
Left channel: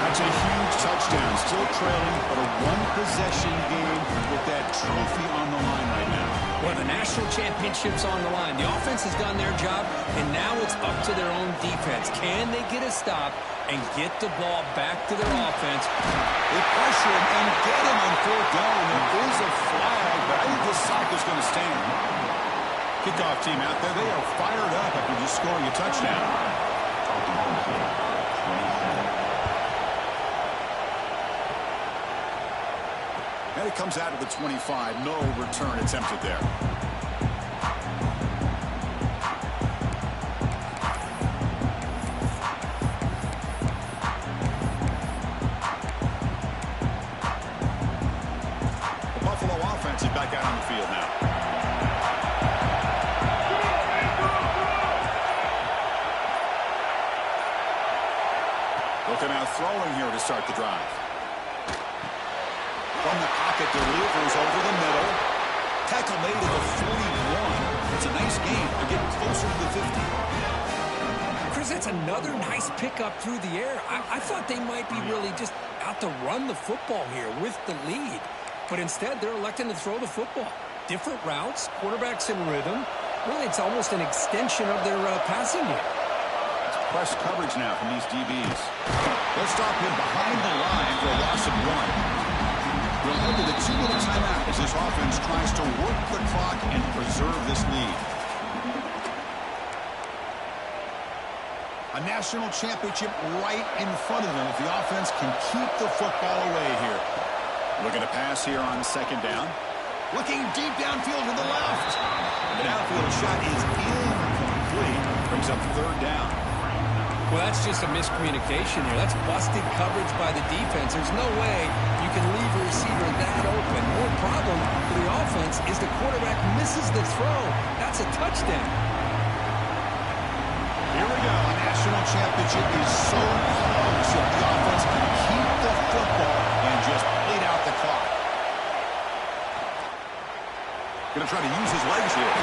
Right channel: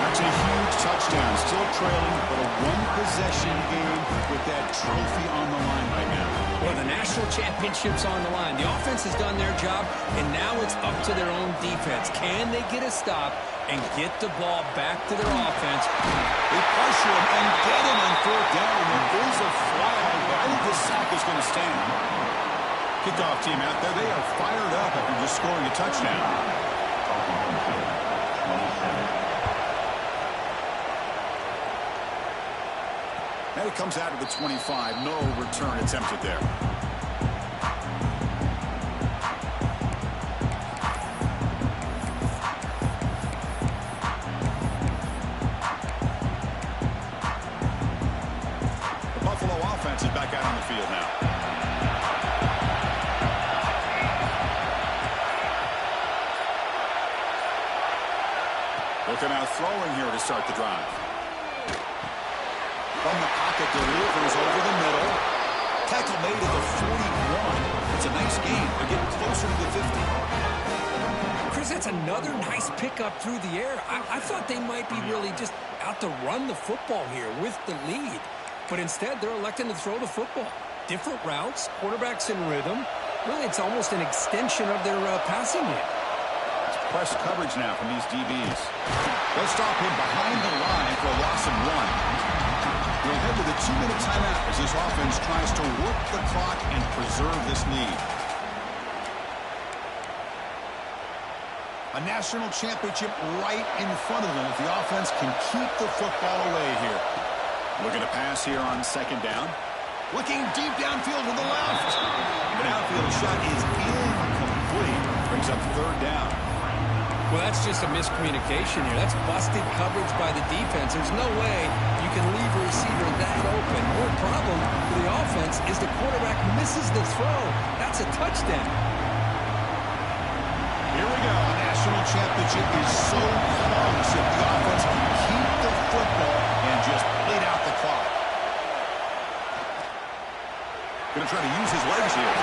That's a huge touchdown. Still trailing, but a one-possession game with that trophy on the line right now. Well, the national championship's on the line. The offense has done their job, and now it's up to their own defense. Can they get a stop and get the ball back to their offense? They pressure him and get him on 4th down. There is a flag, but I think this sack is going to stand. Kickoff team out there, they are fired up after just scoring a touchdown. And it comes out of the 25. No return attempted there. The Buffalo offense is back out on the field now. Looking out throwing here to start the drive. From the pocket, delivers over the middle. Tackle made at the 41. It's a nice gain. They're getting closer to the 50. Chris, that's another nice pickup through the air. I thought they might be really just out to run the football here with the lead. But instead, they're electing to throw the football. Different routes, quarterbacks in rhythm. Really, it's almost an extension of their passing game. It's press coverage now from these DBs. They'll stop him behind the line for a loss of 1. We'll head to the 2-minute timeout as this offense tries to work the clock and preserve this lead. A national championship right in front of them if the offense can keep the football away here. Looking to pass here on second down. Looking deep downfield to the left. The downfield shot is incomplete. Brings up third down. Well, that's just a miscommunication here. That's busted coverage by the defense. There's no way you can leave a receiver that open. More problem for the offense is the quarterback misses the throw. That's a touchdown. Here we go. A national championship is so close if the offense can keep the football and just bleed out the clock. Going to try to use his legs here.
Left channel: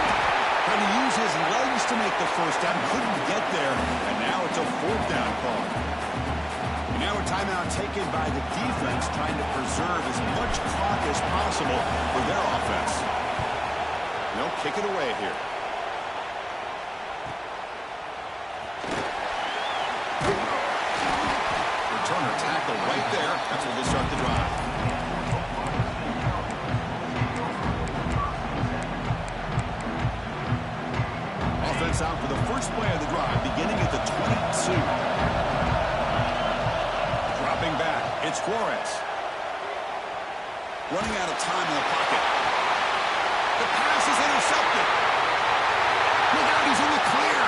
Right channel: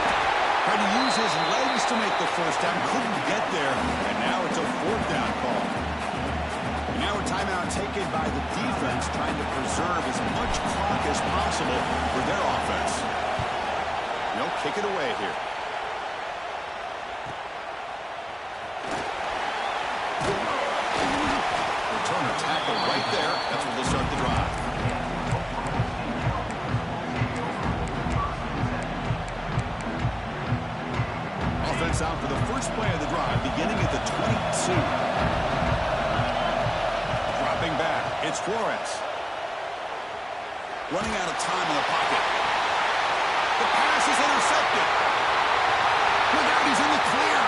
Trying to use his legs to make the first down. Couldn't get there. And now it's a fourth down call. And now a timeout taken by the defense, trying to preserve as much clock as possible for their offense. They'll kick it away here. Returner tackle right there. That's where they'll start the drive. Offense out for the first play of the drive, beginning at the 22. Dropping back, it's Flores. Running out of time in the pocket. The pass is intercepted. Look out, he's in the clear.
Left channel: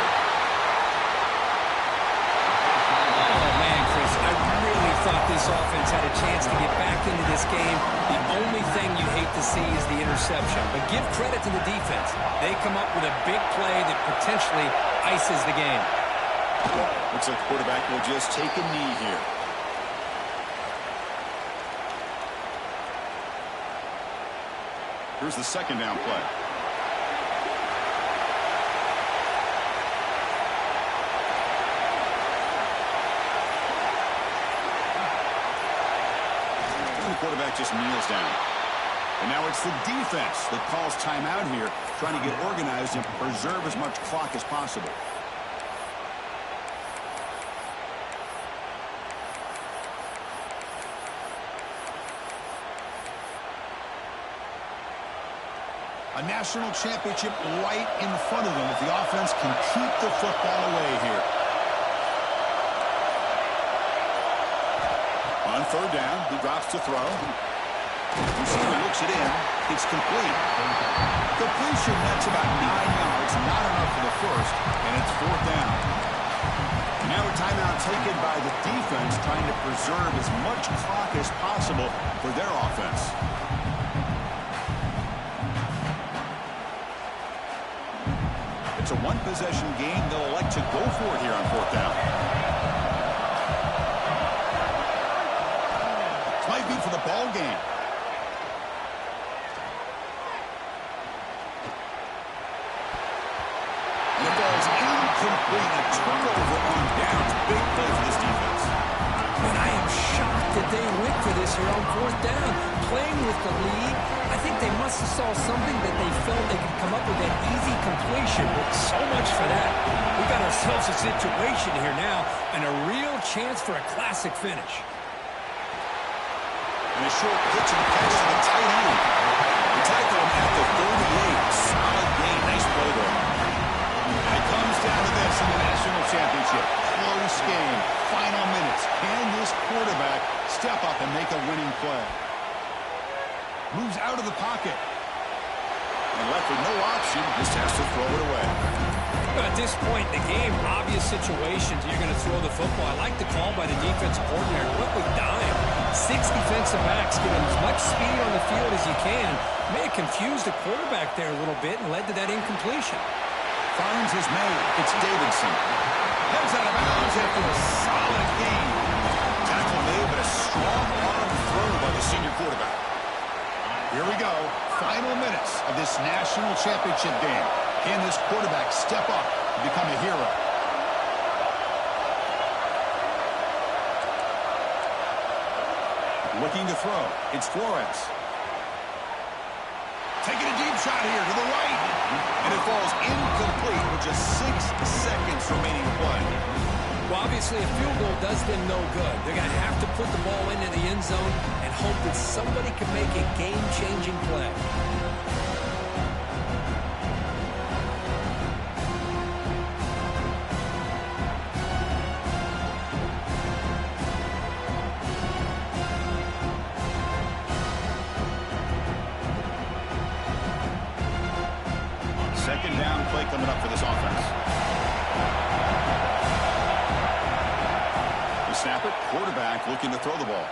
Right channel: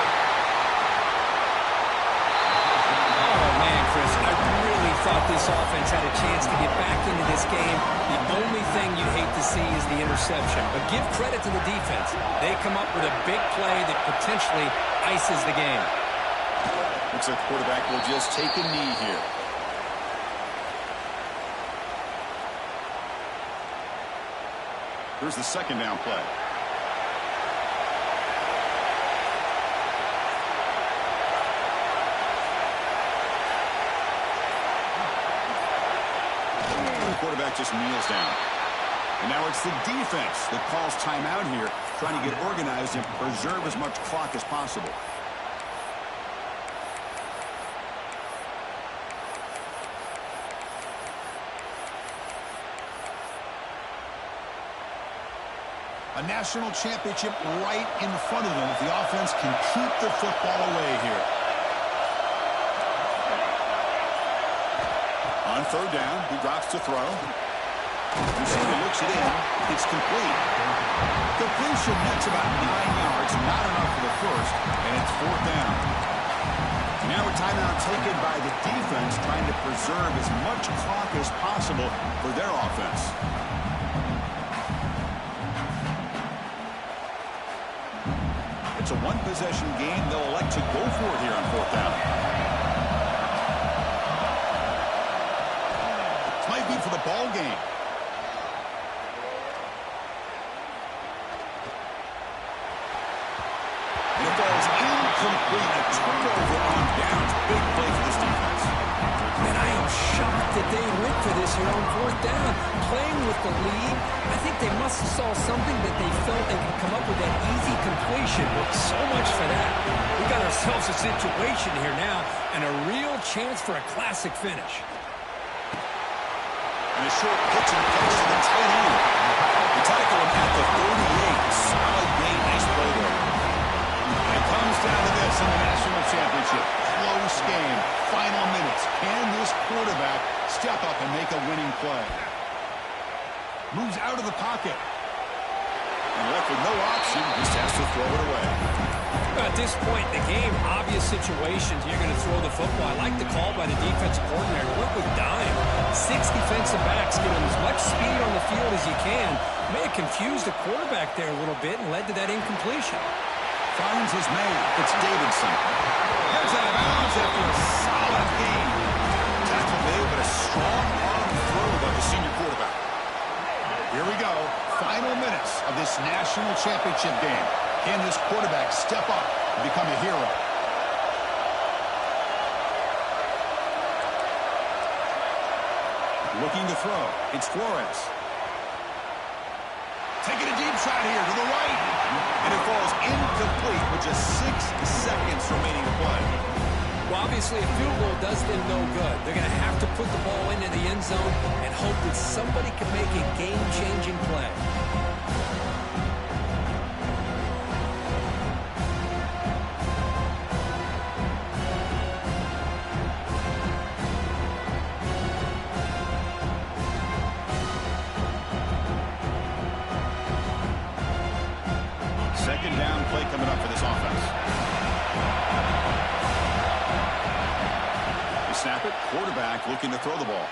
Oh, man, Chris, I really thought this offense had a chance to get back into this game. The only thing you'd hate to see is the interception. But give credit to the defense. They come up with a big play that potentially ices the game. Looks like the quarterback will just take a knee here. Here's the second down play. The quarterback just kneels down. And now it's the defense that calls timeout here, trying to get organized and preserve as much clock as possible. A national championship right in front of them if the offense can keep the football away here. On third down, he drops to throw. Receiver looks it in. It's complete. Completion, that's about 9 yards. Not enough for the first, and it's fourth down. Now a timeout taken by the defense, trying to preserve as much clock as possible for their offense. It's a one-possession game. They'll elect to go for it here on fourth down. This might be for the ball game. And it falls incomplete. A turnover on downs. Big play for this defense. Man, I am shocked that they went for this here on fourth down. Playing with the lead, I think they must have saw something that they felt they could come up with that easy completion. But so much for that. We got ourselves a situation here now and a real chance for a classic finish. And a short pitch and catch to the tight end. They tackle him at the 38. Solid gain. Nice play there. And it comes down to this in the national championship. Close game. Final minutes. Can this quarterback step up and make a winning play? Moves out of the pocket. And left with no option, just has to throw it away. At this point in the game, obvious situations, you're going to throw the football. I like the call by the defensive coordinator. Went with dime. 6 defensive backs, give him as much speed on the field as you can. May have confused the quarterback there a little bit and led to that incompletion. Finds his man. It's Davidson. Heads out of bounds after a solid game. Tackle made, but a strong arm throw by the senior quarterback. Here we go. Final minutes of this national championship game. Can this quarterback step up and become a hero? Looking to throw. It's Flores. Taking a deep shot here to the right. And it falls incomplete with just 6 seconds remaining to play. Well, obviously, a field goal does them no good. They're going to have to put the ball into the end zone and hope that somebody can make a game-changing play. Second down play coming up for this offense. They snap it. Quarterback looking to throw the ball.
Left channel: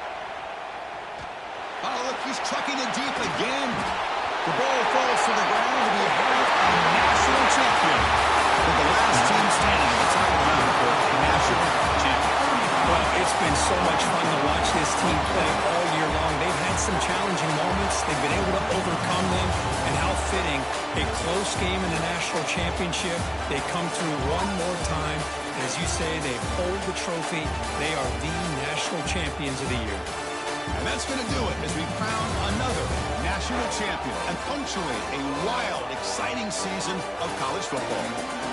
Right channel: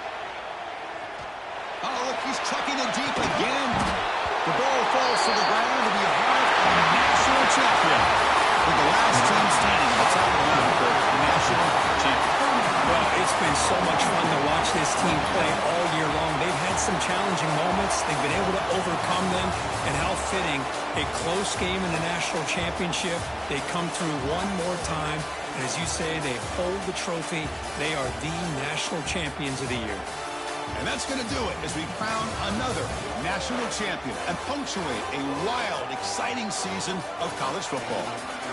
Oh, look, he's chucking it deep again. The ball falls to the ground, and we have a national champion. With the last team standing at the top of the mountain for national champion. Well, it's been so much fun to watch this team play all year long. They've had some challenging moments. They've been able to overcome them. And how fitting, a close game in the national championship. They come through one more time. And as you say, they hold the trophy. They are the national champions of the year. And that's going to do it as we crown another national champion and punctuate a wild, exciting season of college football.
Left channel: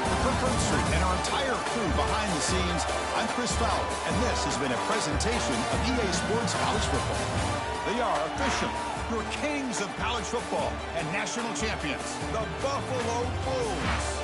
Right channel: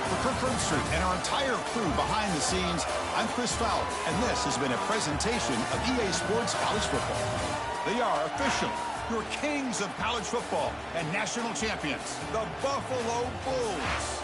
For Kirk Herbstreit and our entire crew behind the scenes, I'm Chris Fowler, and this has been a presentation of EA Sports College Football. They are officially your kings of college football and national champions, the Buffalo Bulls.